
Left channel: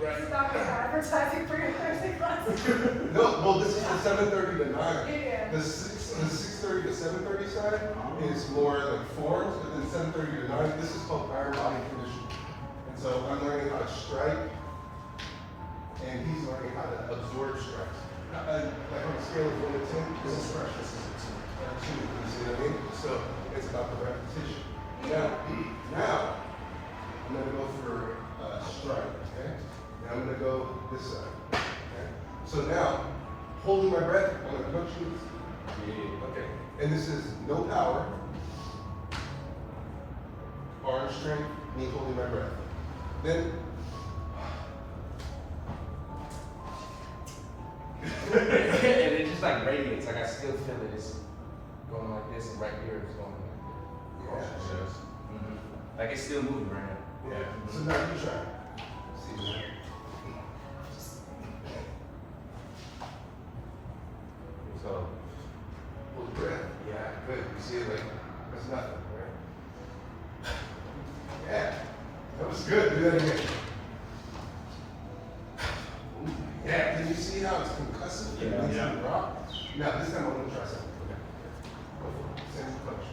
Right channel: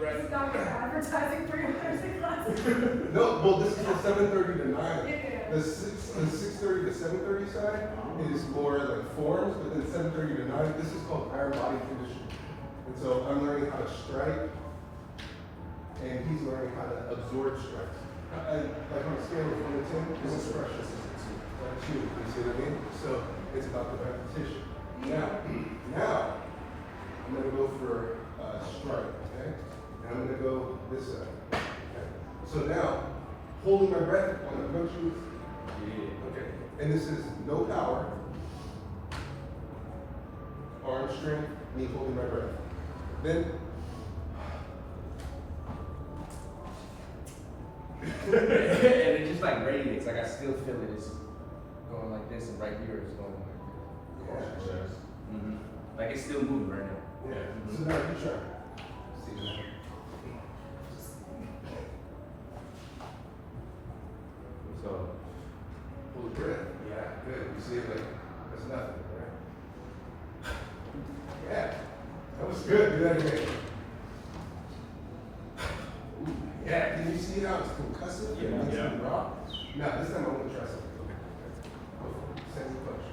right. It's not good advertising for your Thursday classes. No, well, this is the 7:30 to 9. Yeah. The 6:30 to 7:30 side is more like forms, but then 7:30 to 9, this is called higher body conditioning. And so I'm learning how to strike, and he's learning how to absorb strikes. Like on a scale of 1 to 10, this is fresh, this is a 2. You see what I mean? So it's about the repetition. Now, I'm gonna go for a strike, okay? And I'm gonna go this side, okay? So now, holding my breath, I'm gonna punch you. Yeah, okay. And this is no power. Arm strength, me holding my breath. Then, And it just like radiates. Like I still feel it. It's going like this, and right here it's going like across your chest. Like it's still moving right now. yeah. So now you try. See that? So Hold breath. Yeah, good. You see it like, that's nothing, right? Yeah. That was good. Do that again. Yeah. Can you see how it's concussive? Yeah. Now, this time I'm going to try something. Okay. Same punch.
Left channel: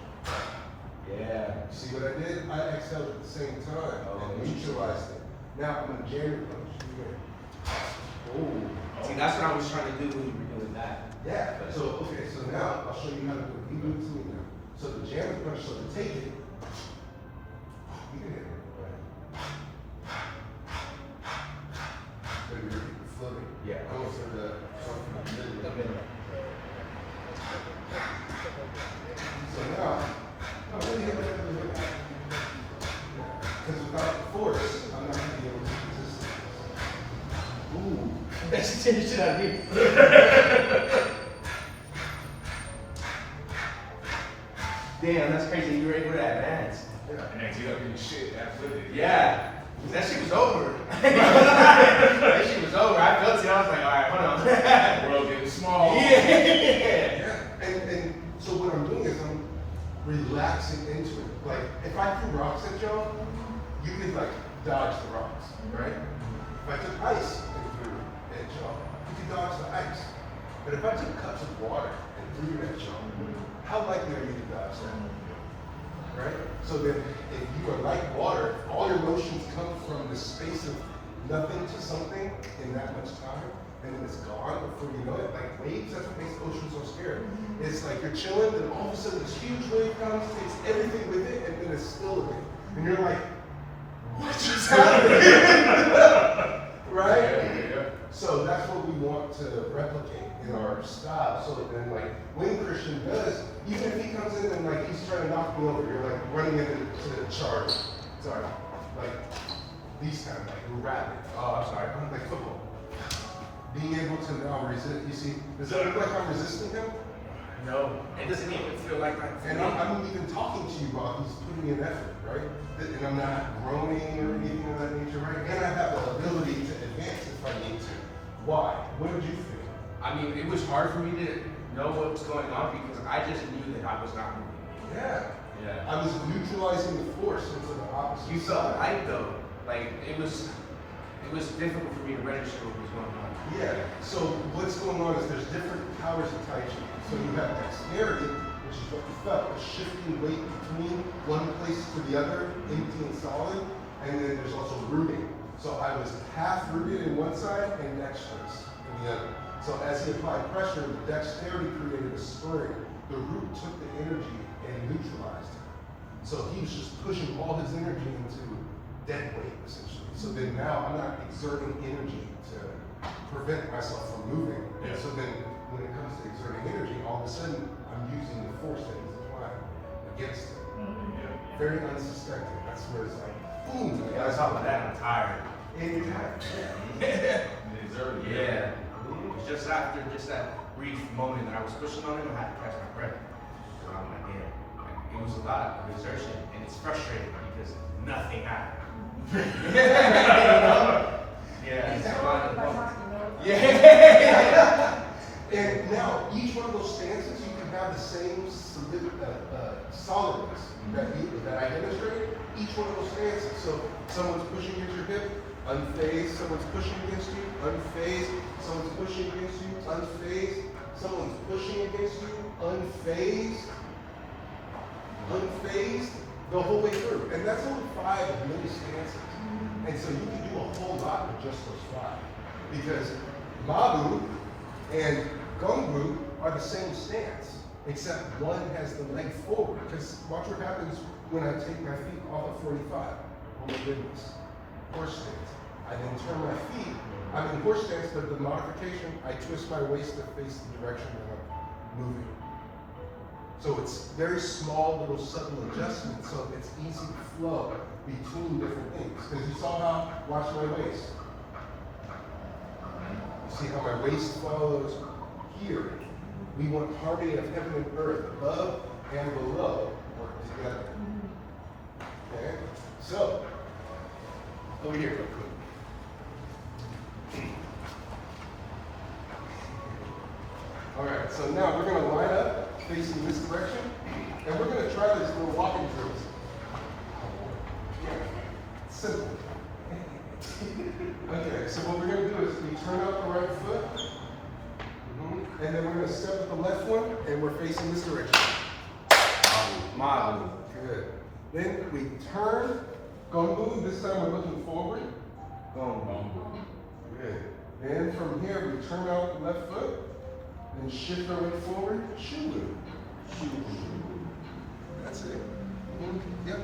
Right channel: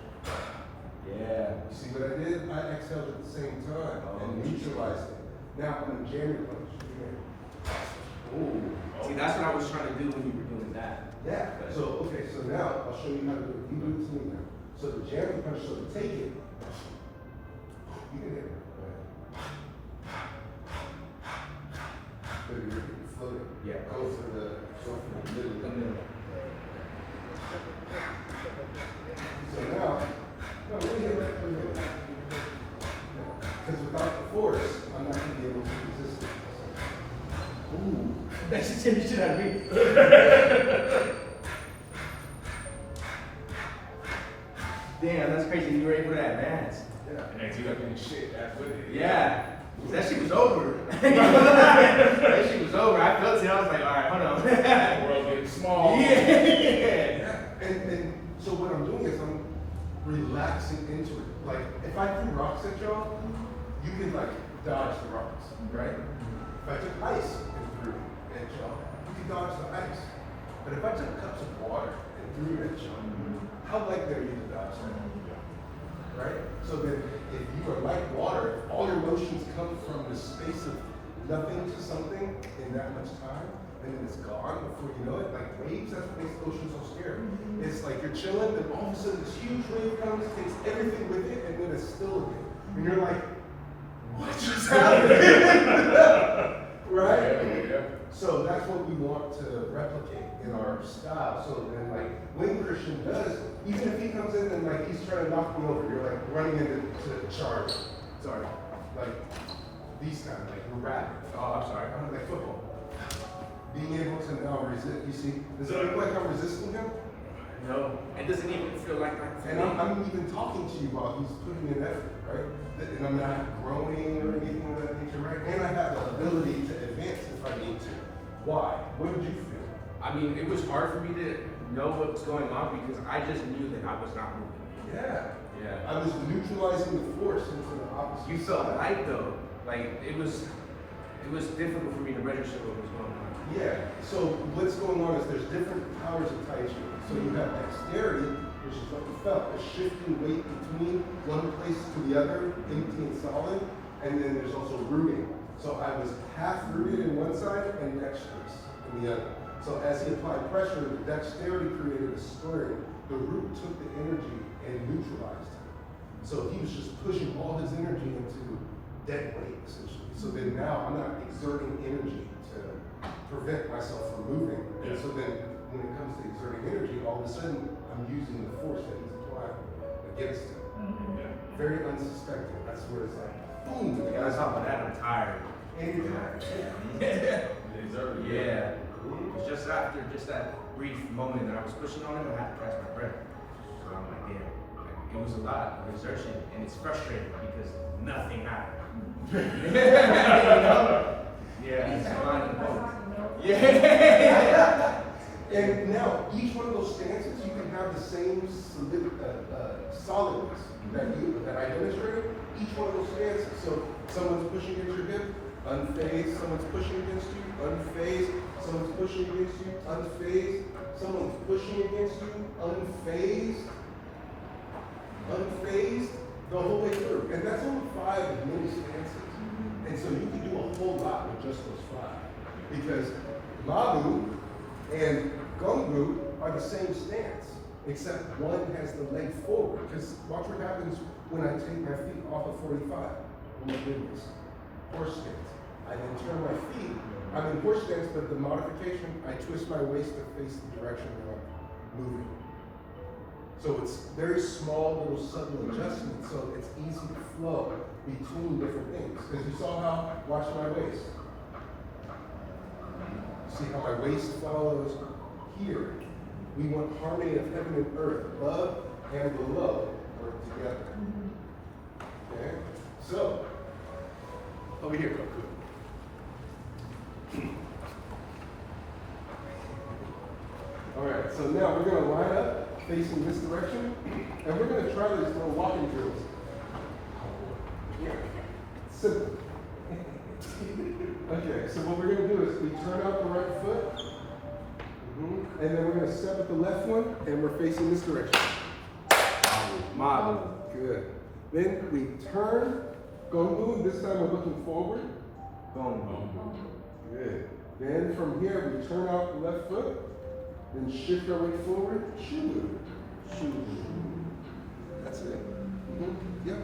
yeah. You see what I did? I exhaled at the same time and neutralized it. Now I'm going to jam your punch. Okay. Oh. See, that's what I was trying to do when you were doing that. Yeah. So, okay, so now I'll show you how to do it. You do it to me now. So the jam the punch, so to take it, you can hit it. But if you're floating, Yeah. go for the middle. The middle. So now, no, let me hit that little bit. Because without the force, I'm not going to be able to resist it. Ooh. That's the tension out of me. Damn, that's crazy. You were able to advance. Yeah. And then get up in the shit that with it. Yeah. That shit was over. That shit was over. I felt it. I was like, all right, hold on. The world getting small. Yeah. And so what I'm doing is I'm relaxing into it. Like, if I threw rocks at y'all, you could like dodge the rocks, right? If I took ice and threw it at y'all, you could dodge the ice. But if I took cups of water and threw it at y'all, how likely are you to dodge that? right? So then if you are like water, all your motions come from the space of nothing to something in that much time, and then it's gone before you know it. Like waves, that's what makes ocean so scary. It's like you're chilling, then all of a sudden this huge wave comes, takes everything with it, and then it's still again. And you're like, what just happened? Right? Yeah. So that's what we want to replicate in our style. So then like when Christian does, even if he comes in and like he's trying to knock me over, you're like running into the charge. Sorry. Like these kind of like we're rapping. Oh, I'm sorry. Like football. Being able to now resist, you see, does it look like I'm resisting him? No, it doesn't even feel like that. And I'm even talking to you while he's putting in effort, right? And I'm not groaning or anything of that nature, right? And I have the ability to advance if I need to. Why? What did you think? I mean, it was hard for me to know what's going on because I just knew that I was not moving. Yeah. Yeah. I was neutralizing the force into the opposite. You felt light though. Like it was difficult for me to register what was going on. Yeah. So what's going on is there's different powers of Tai Chi. So you have dexterity, which is what you felt, a shifting weight between one place to the other, empty and solid, and then there's also rooting. So I was half rooted in one side and dexterous in the other. So as he applied pressure, the dexterity created a spring. The root took the energy and neutralized it. So he was just pushing all his energy into dead weight, essentially. So then now I'm not exerting energy to prevent myself from moving. Yeah. And so then when it comes to exerting energy, all of a sudden I'm using the force that he's applying against it. Very unsuspected. That's where it's like, boom. And on top of that, I'm tired. Anytime. Yeah. Just after that brief moment that I was pushing on him, I had to catch my breath. So I'm like, yeah, it was a lot of exertion, and it's frustrating because nothing happened. Yeah, it's fun. Yeah. And now, each one of those stances, you can have the same solidness that I demonstrated. Each one of those stances. So someone's pushing against your hip, unfazed. Someone's pushing against you, unfazed. Someone's pushing against you, unfazed. Someone's pushing against you, unfazed. Unfazed the whole way through. And that's only 5 mini stances. And so you can do a whole lot with just those 5. Because Mabu and Gongbu are the same stance, except one has the leg forward. Because watch what happens when I take my feet off of 45. Oh my goodness. Horse stance. I then turn my feet. I'm in horse stance, but the modification, I twist my waist to face the direction that I'm moving. So it's very small little subtle adjustments, so it's easy to flow between different things. Because you saw how, watch my waist. See how my waist follows here. We want harmony of heaven and earth, above and below, work together. Okay? So, over here real quick. All right, so now we're gonna line up facing this direction, and we're gonna try this little walking drills. Yeah, simple. Okay, so what we're gonna do is we turn out the right foot, and then we're gonna step at the left one, and we're facing this direction. Mabu. Good. Then we turn, Gongbu, this time we're looking forward. Gongbu. Good. Then from here, we turn out the left foot, then shift our weight forward, shoo. That's it. Yep.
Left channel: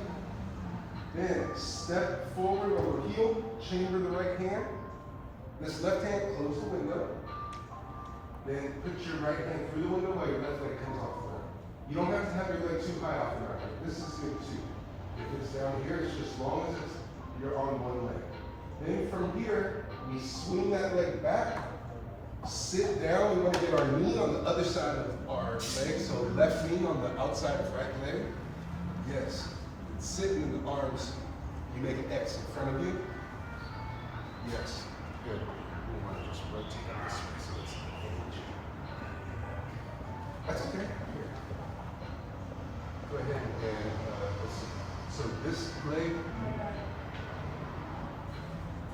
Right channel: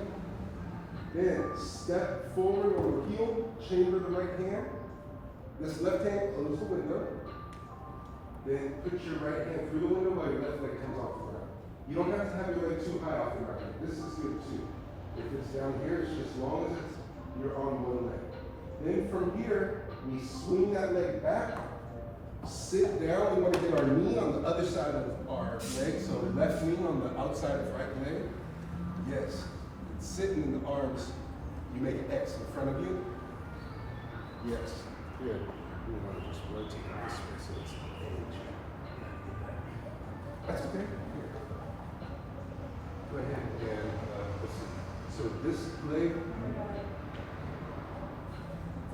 Then step forward over heel, chamber the right hand. This left hand, close the window. Then put your right hand through the window while your left leg comes off the ground. You don't have to have your leg too high off the ground. This is good too. If it's down here, it's just as long as you're on one leg. Then from here, we swing that leg back, sit down. We want to get our knee on the other side of our leg. So left knee on the outside of right leg. Yes. Sitting in the arms, you make an X in front of you. Yes. Good. We want to just rotate on this way so it's hinge. That's okay. Here. Go ahead and let's see. So this leg.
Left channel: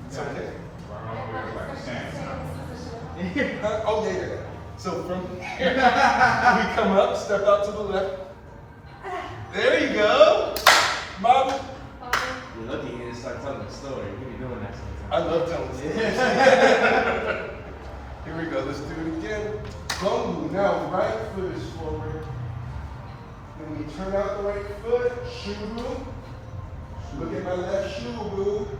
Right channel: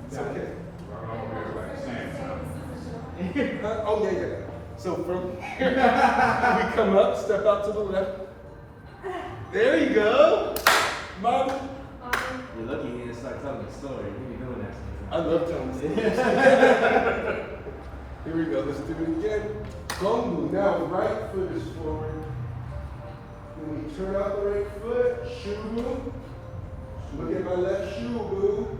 It's okay. Oh yeah. So from we come up, step out to the left. There you go. Mabu. You look at me and start telling a story. You be doing that I sometimes. love telling stories. Here we go, let's do it again. Gongbu, now the right foot is forward. Then we turn out the right foot, shubu. Look at my left shubu.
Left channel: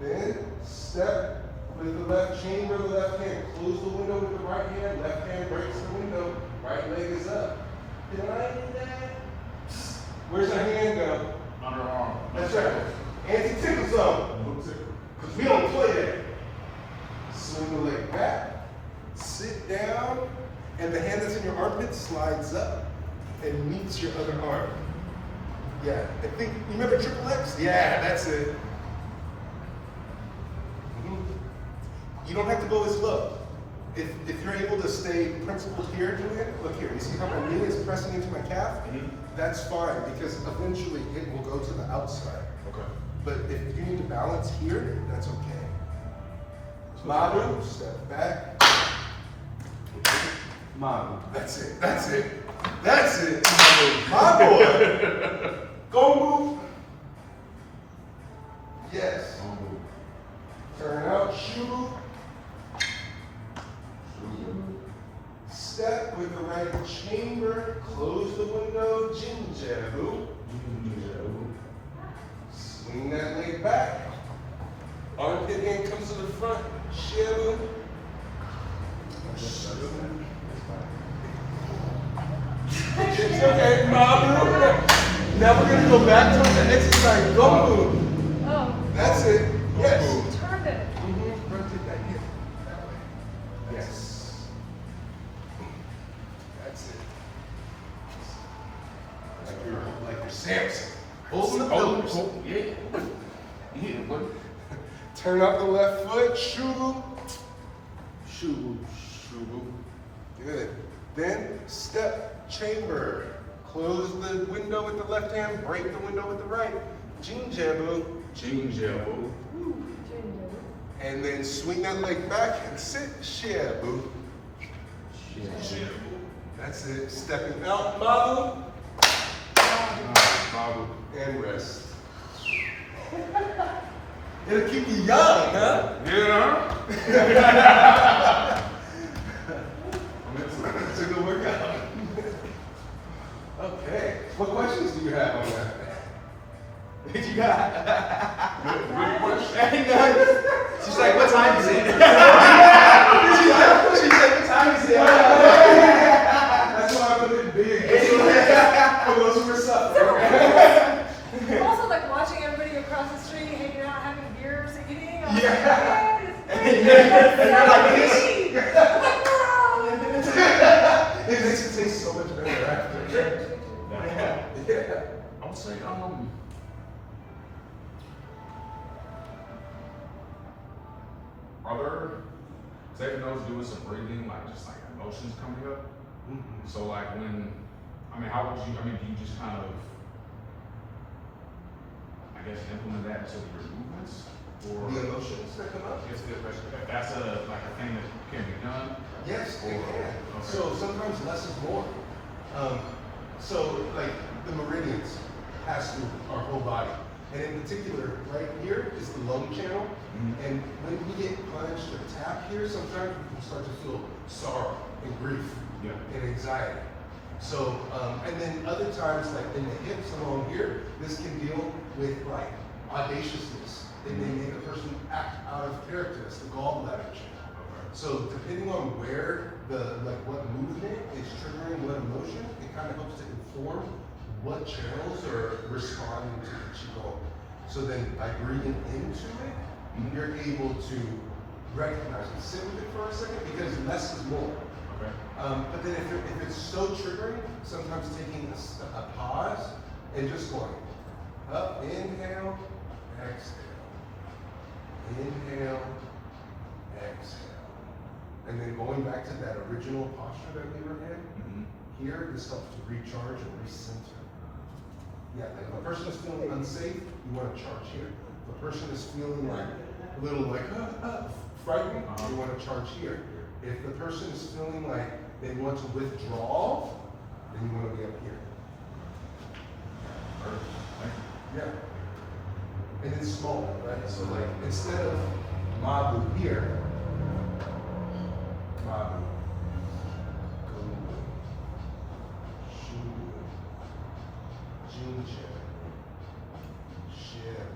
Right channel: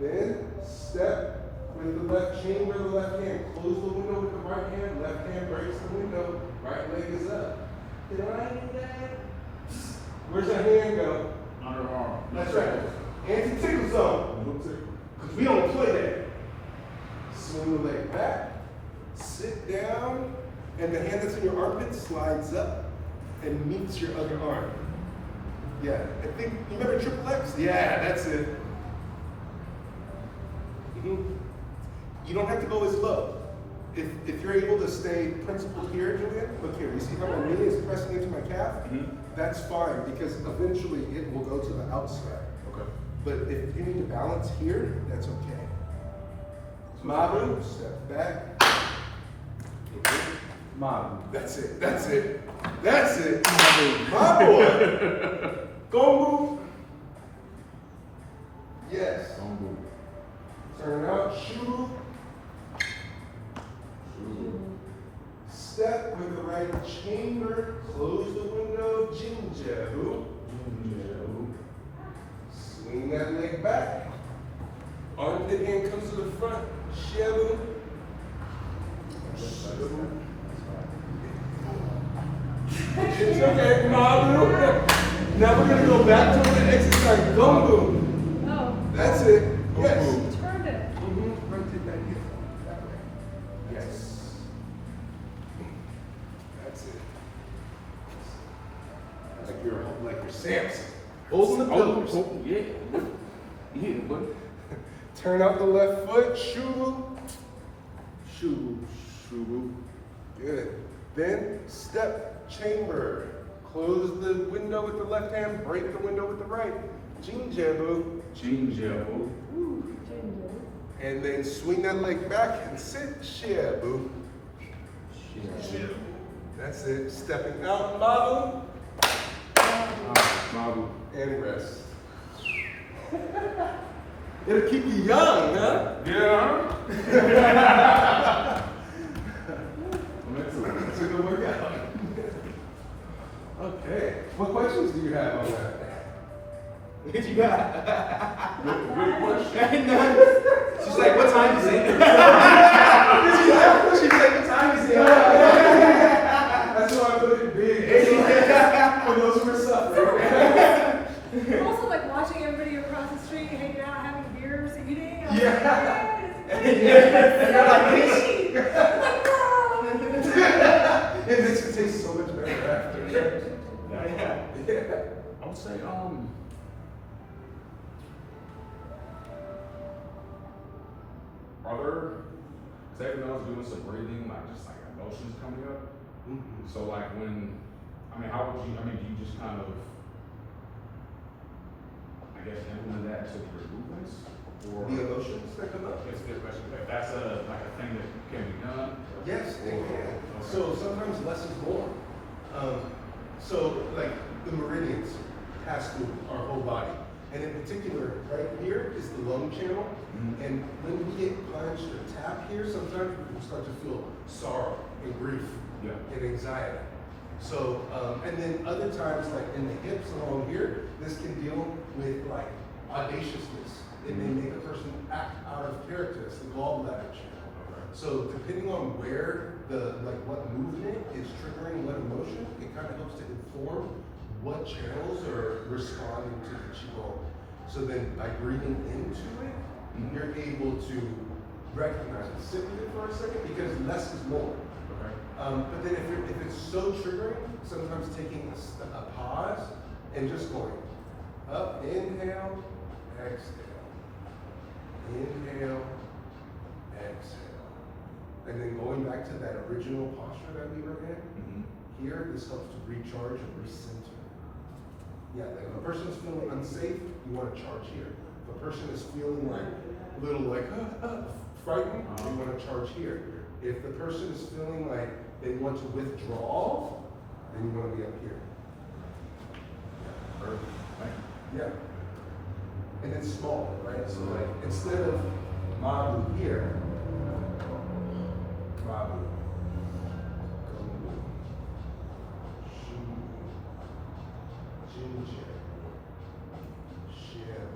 Then step with the left chamber, the left hand. Close the window with the right hand, left hand breaks the window, right leg is up. Did I do that? Where's the hand go? Underarm. That's right. Anti-tickle zone. No tickle. Because we don't play that. Swing the leg back, sit down, and the hand that's in your armpit slides up and meets your other arm. Yeah, I think, you remember triple X? Yeah, that's it. You don't have to go as low. If you're able to stay principled here, Julian, look here, you see how my knee is pressing into my calf? That's fine, because eventually it will go to the outside. Okay. But if you need to balance here, that's okay. Mabu, step back. Mabu. That's it, that's it, that's it. Mabu, my boy. Gongbu. Yes. Gongbu. Turn out, shubu. Step with the right chamber, close the window, jinjabu. Swing that leg back. Armpit hand comes to the front, shabu. Okay, Mabu. Now we're gonna go back towards the exercise, Gongbu. Oh, That's it, yes. Gongbu. turned it. Rotate that hip that way. Yes. That's it. Like you're Samson. Holding the pillars. Oh, yeah. Yeah, but Turn out the left foot. Shubu. Shubu. Shubu. Good. Then step chamber. Close the window with the left hand. Break the window with the right. Jinjabu. Jinjabu. And then swing that leg back and sit. Shiabu. Shiabu. That's it. Stepping out. Mabu. Mabu. And rest. It'll keep you young, huh? Yeah. It's a good workout. Okay. What questions do you have on that? What you got? Good question. Ain't none. She's like, what time is it? She said, what time is it? That's why I put it big. For those who are suffering. Also, like watching everybody across the street hanging out, having beers, eating. I was Yeah. like, It makes it taste so much better after. Yeah. I would say, are there, say if those do with some breathing, like just like emotions coming up? So like when, how would you, do you just kind of, I guess, implement that into your movements? Or The emotions that come up? It's a good question. If that's like a thing that can be done? Yes, it Or- can. okay. So sometimes less is more. So like the meridians pass through our whole body. And in particular, right here is the lung channel. And when we get punched or tapped here, sometimes we can start to feel sorrow and grief Yeah. and anxiety. So, and then other times, like in the hips along here, this can deal with like audaciousness. It may make a person act out of character. It's the gallbladder channel. So depending on where what movement is triggering what emotion, it kind of helps to inform what channels are responding to the Qigong. So then by breathing into it, you're able to recognize it. Sit with it for a second because less is more. Okay. But then if it's so triggering, sometimes taking a pause and just going up, inhale, exhale. Inhale, exhale. And then going back to that original posture that we were in, here, this helps to recharge and recenter. Yeah, like if the person is feeling unsafe, you want to charge here. If the person is feeling like a little like frightened, you want to charge here. If the person is feeling like they want to withdraw, then you want to be up here. Yeah. And it's small, right? So like instead of Mabu here, Mabu, Gongbu, Shubu, Jinja, Shibu,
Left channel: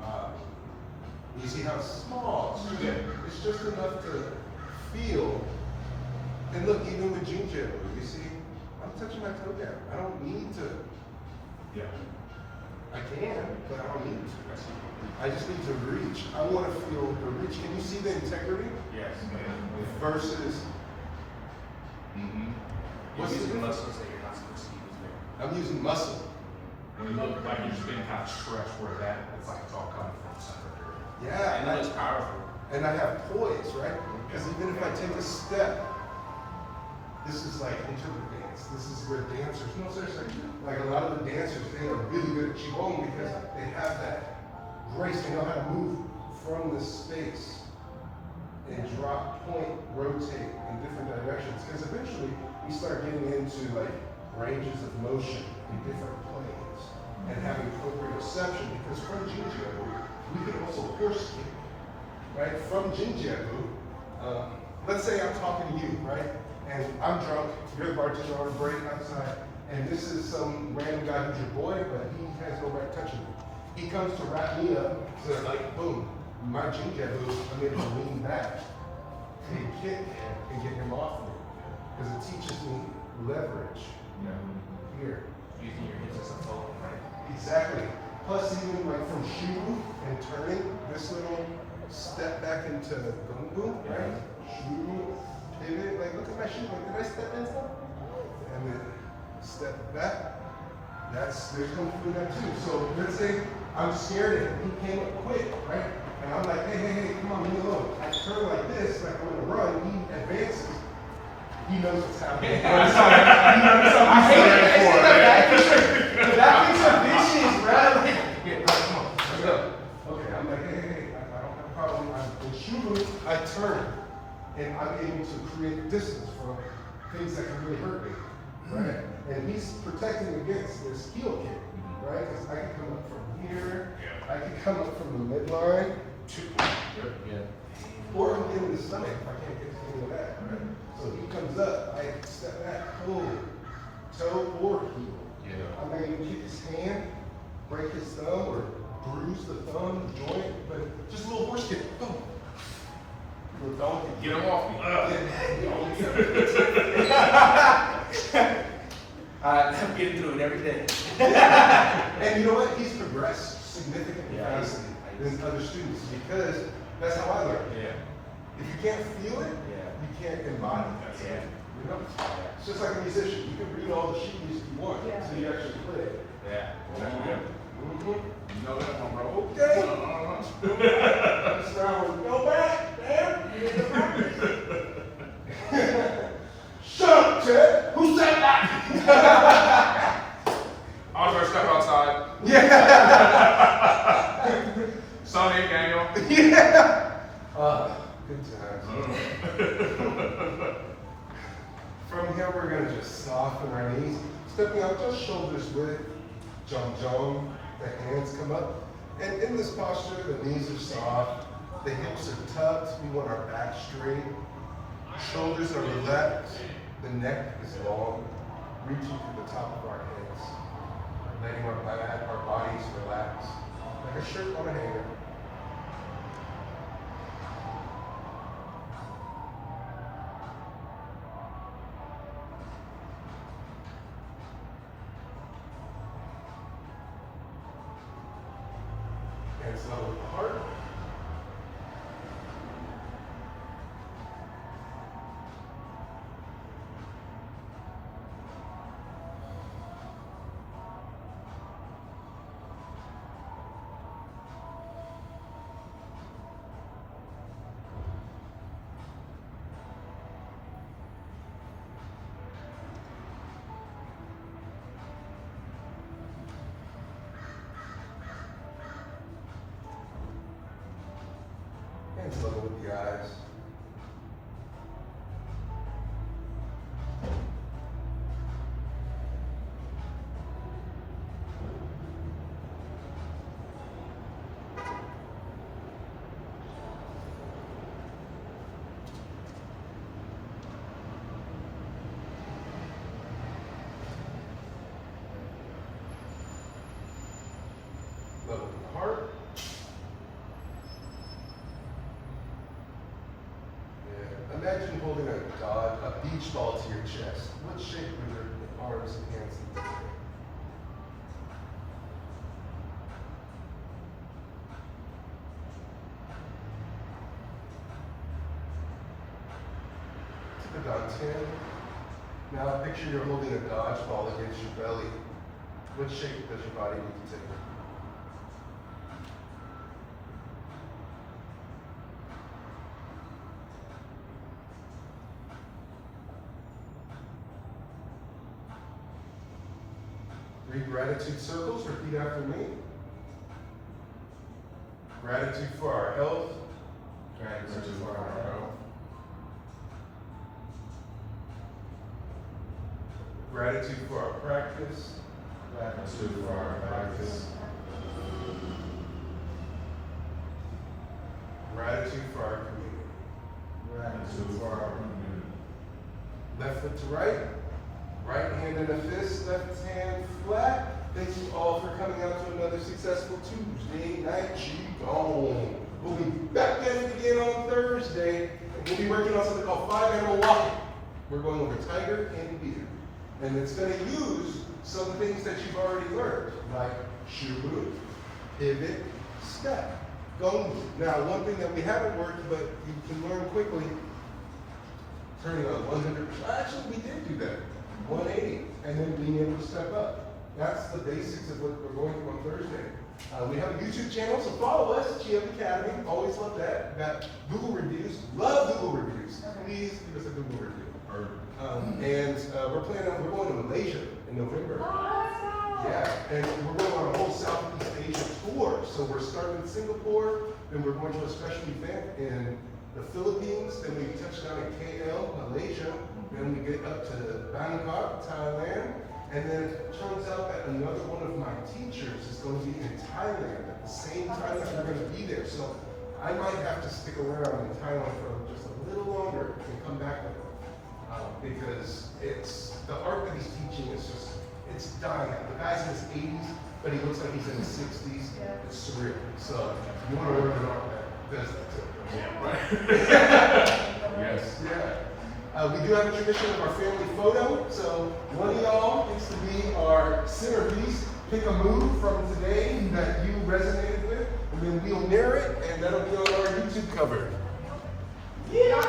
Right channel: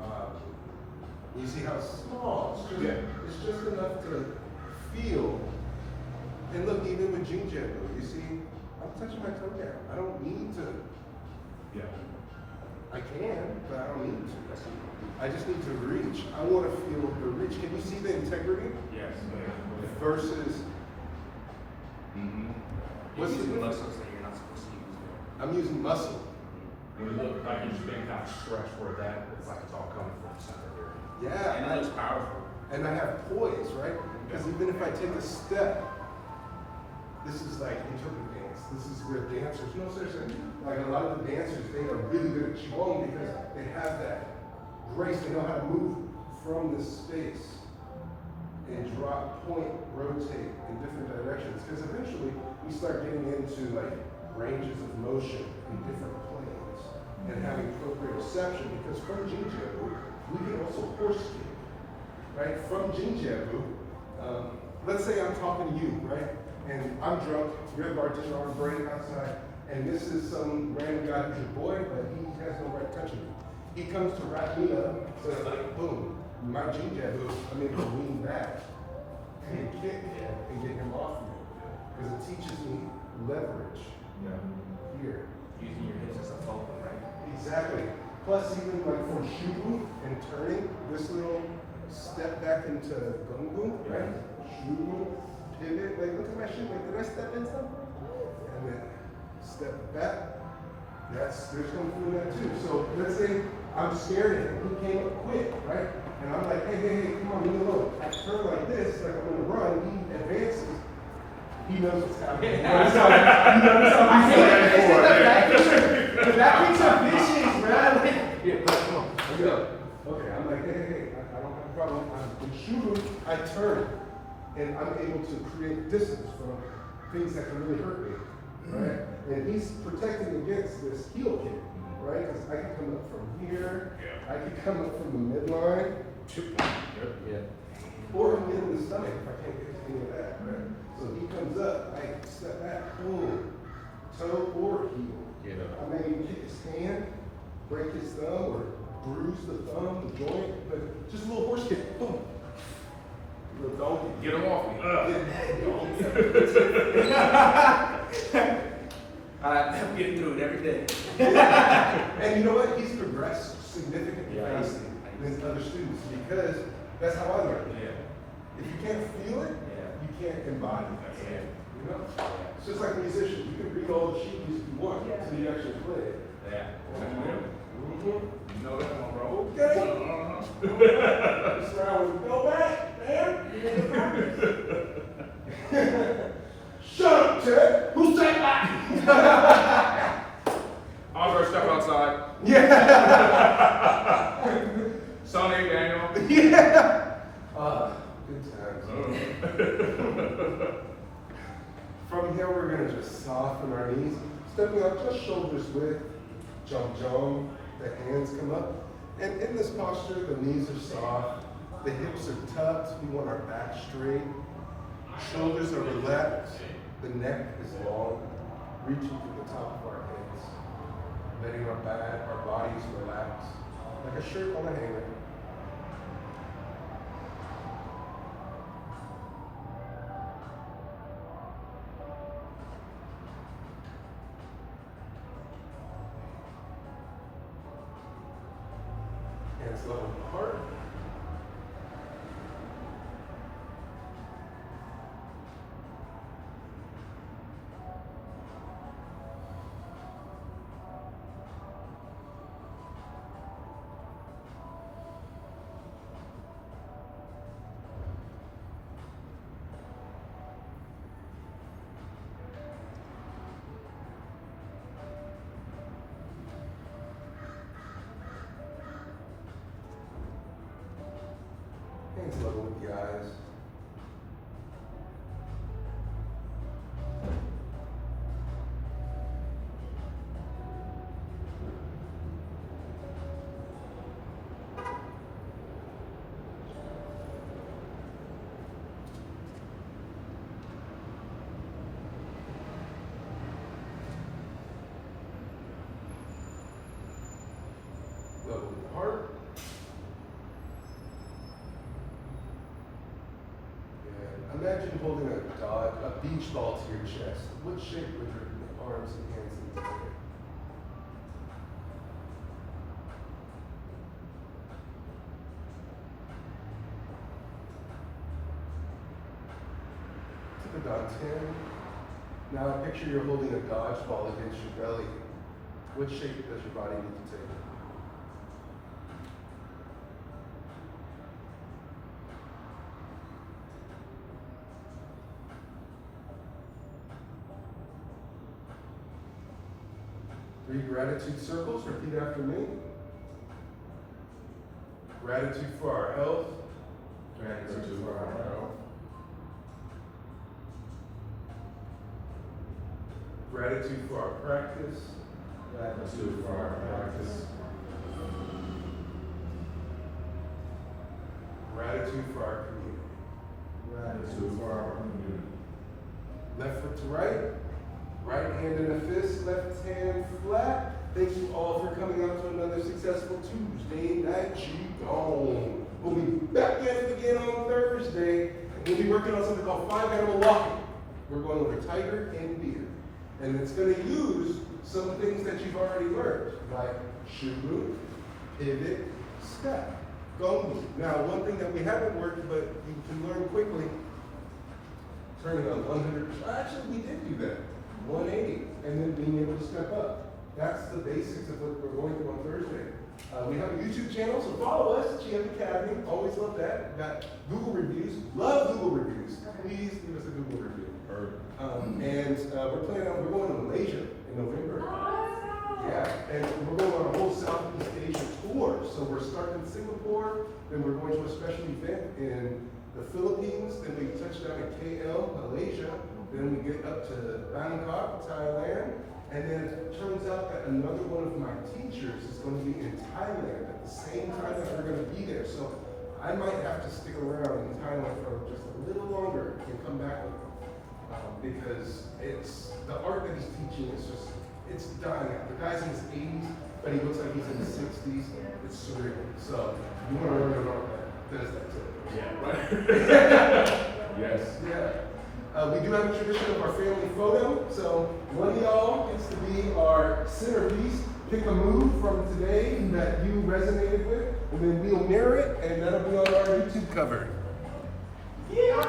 Mabu. You see how small? It's just enough to feel. And look, even with Jinja, you see, I'm touching my toe down. I don't need to. Yeah. I can, but I don't need to. I just need to reach. I want to feel the reach. Can you see the integrity? Yes. Versus, You're using muscles that you're not supposed to use there. I'm using muscle. When you look like you're just being kind of stretched for that, it's like it's all coming from the center area. Yeah, And that is powerful. and I have poise, right? Because even if I take a step, this is like interpretive dance. This is where dancers, no seriously, like a lot of the dancers, they are really good at Qigong because they have that grace. They know how to move from the space and drop, point, rotate in different directions. Because eventually we start getting into like ranges of motion in different planes and having proprioception. Because from Jinjiabu, we can also horse kick, right? From Jinjiabu, let's say I'm talking to you, right? And I'm drunk, you're a bartender on break outside, and this is some random guy who's your boy, but he has no right touching me. He comes to wrap me up, says like, boom, my Jinjiabu, I'm able to lean back and kick him and get him off me. Because it teaches me leverage here. Using your hips as a phone, right? Exactly. Plus even like from Shubu and turning, this little step back into Gongbu, right? Shubu, pivot, like look at my shoe, like did I step in something? And then step back. There's Kung Fu in that too. So let's say I'm scared of him, he came up quick, right? And I'm like, hey, come on, leave me alone. I turn like this, like I'm gonna run, he advances. He knows what's happening. He knows something. I hate it. The back is so vicious, bro. Here, come on, let's go. Okay, I'm like, hey, I don't have a problem. In Shubu, I turn, and I'm able to create distance from things that can really hurt me, right? And he's protecting against this heel kick, right? Because I can come up from here, I can come up from the midline, or I can get him in the stomach if I can't get the heel back, right? So he comes up, I step back, boom, toe or heel. I may even kick his hand, break his thumb, or bruise the thumb, the joint, but just a little horse kick, boom. Little donkey. Get him off me. I'm getting through it every day. And you know what? He's progressed significantly faster than other students because that's how I learned. Yeah. If you can't feel it, you can't embody it. You know? It's just like a musician. You can read all the sheet music you want until you actually play it. Yeah. You know that one, bro. Okay. That's where I would go back, man. Shut up, Ted. Who said that? Andre, step outside. Yeah. Sonny, Daniel. Yeah. Good times. From here, we're going to just soften our knees, stepping up just shoulders width, Zhan Zhuang, the hands come up. And in this posture, the knees are soft, the hips are tucked, we want our back straight, shoulders are relaxed, the neck is long, reaching to the top of our heads, letting our bodies relax, like a shirt on a hanger. Hands level apart. Hands level with the eyes. holding a beach ball to your chest. What shape would your arms and hands be together? Took a dot 10. Now picture you're holding a dodgeball against your belly. What shape does your body need to take? Three gratitude circles, repeat after me. Gratitude for our health. Gratitude for our health. Gratitude for our practice. Gratitude for our practice. Gratitude for our community. Gratitude for our community. Left foot to right. Right hand in a fist, left hand flat. Thank you all for coming out to another successful Tuesday night Qigong. We'll be back at it again on Thursday. We'll be working on something called 5-animal walking. We're going over tiger and deer. And it's going to use some things that you've already learned, like shubu, pivot, step, gongbu. Now, one thing that we haven't worked, but you can learn quickly, turning on 100%. Actually, we did do that. 180, and then being able to step up. That's the basics of what we're going through on Thursday. We have a YouTube channel, so follow us, GM Academy. Always love that. We got Google reviews. Love Google reviews. Please leave us a Google review. And we're going to Malaysia in November. Yeah, and we're going on a whole Southeast Asia tour. So we're starting in Singapore, then we're going to a special event in the Philippines, then we touch down in KL, Malaysia. Then we get up to Bangkok, Thailand, and then it turns out that another one of my teachers is going to be in Thailand at the same time that we're going to be there. So I might have to stick around in Thailand for just a little longer and come back because it's the art that he's teaching is just it's dying out. The guy's in his 80s, but he looks like he's in his 60s. It's surreal. So you want to learn an art that does that too. Yeah, right. Yes. Yeah. We do have a tradition of our family photo, so one of y'all gets to be our centerpiece. Pick a move from today that you resonated with, and then we'll mirror it, and that'll be on our YouTube cover. Yeah.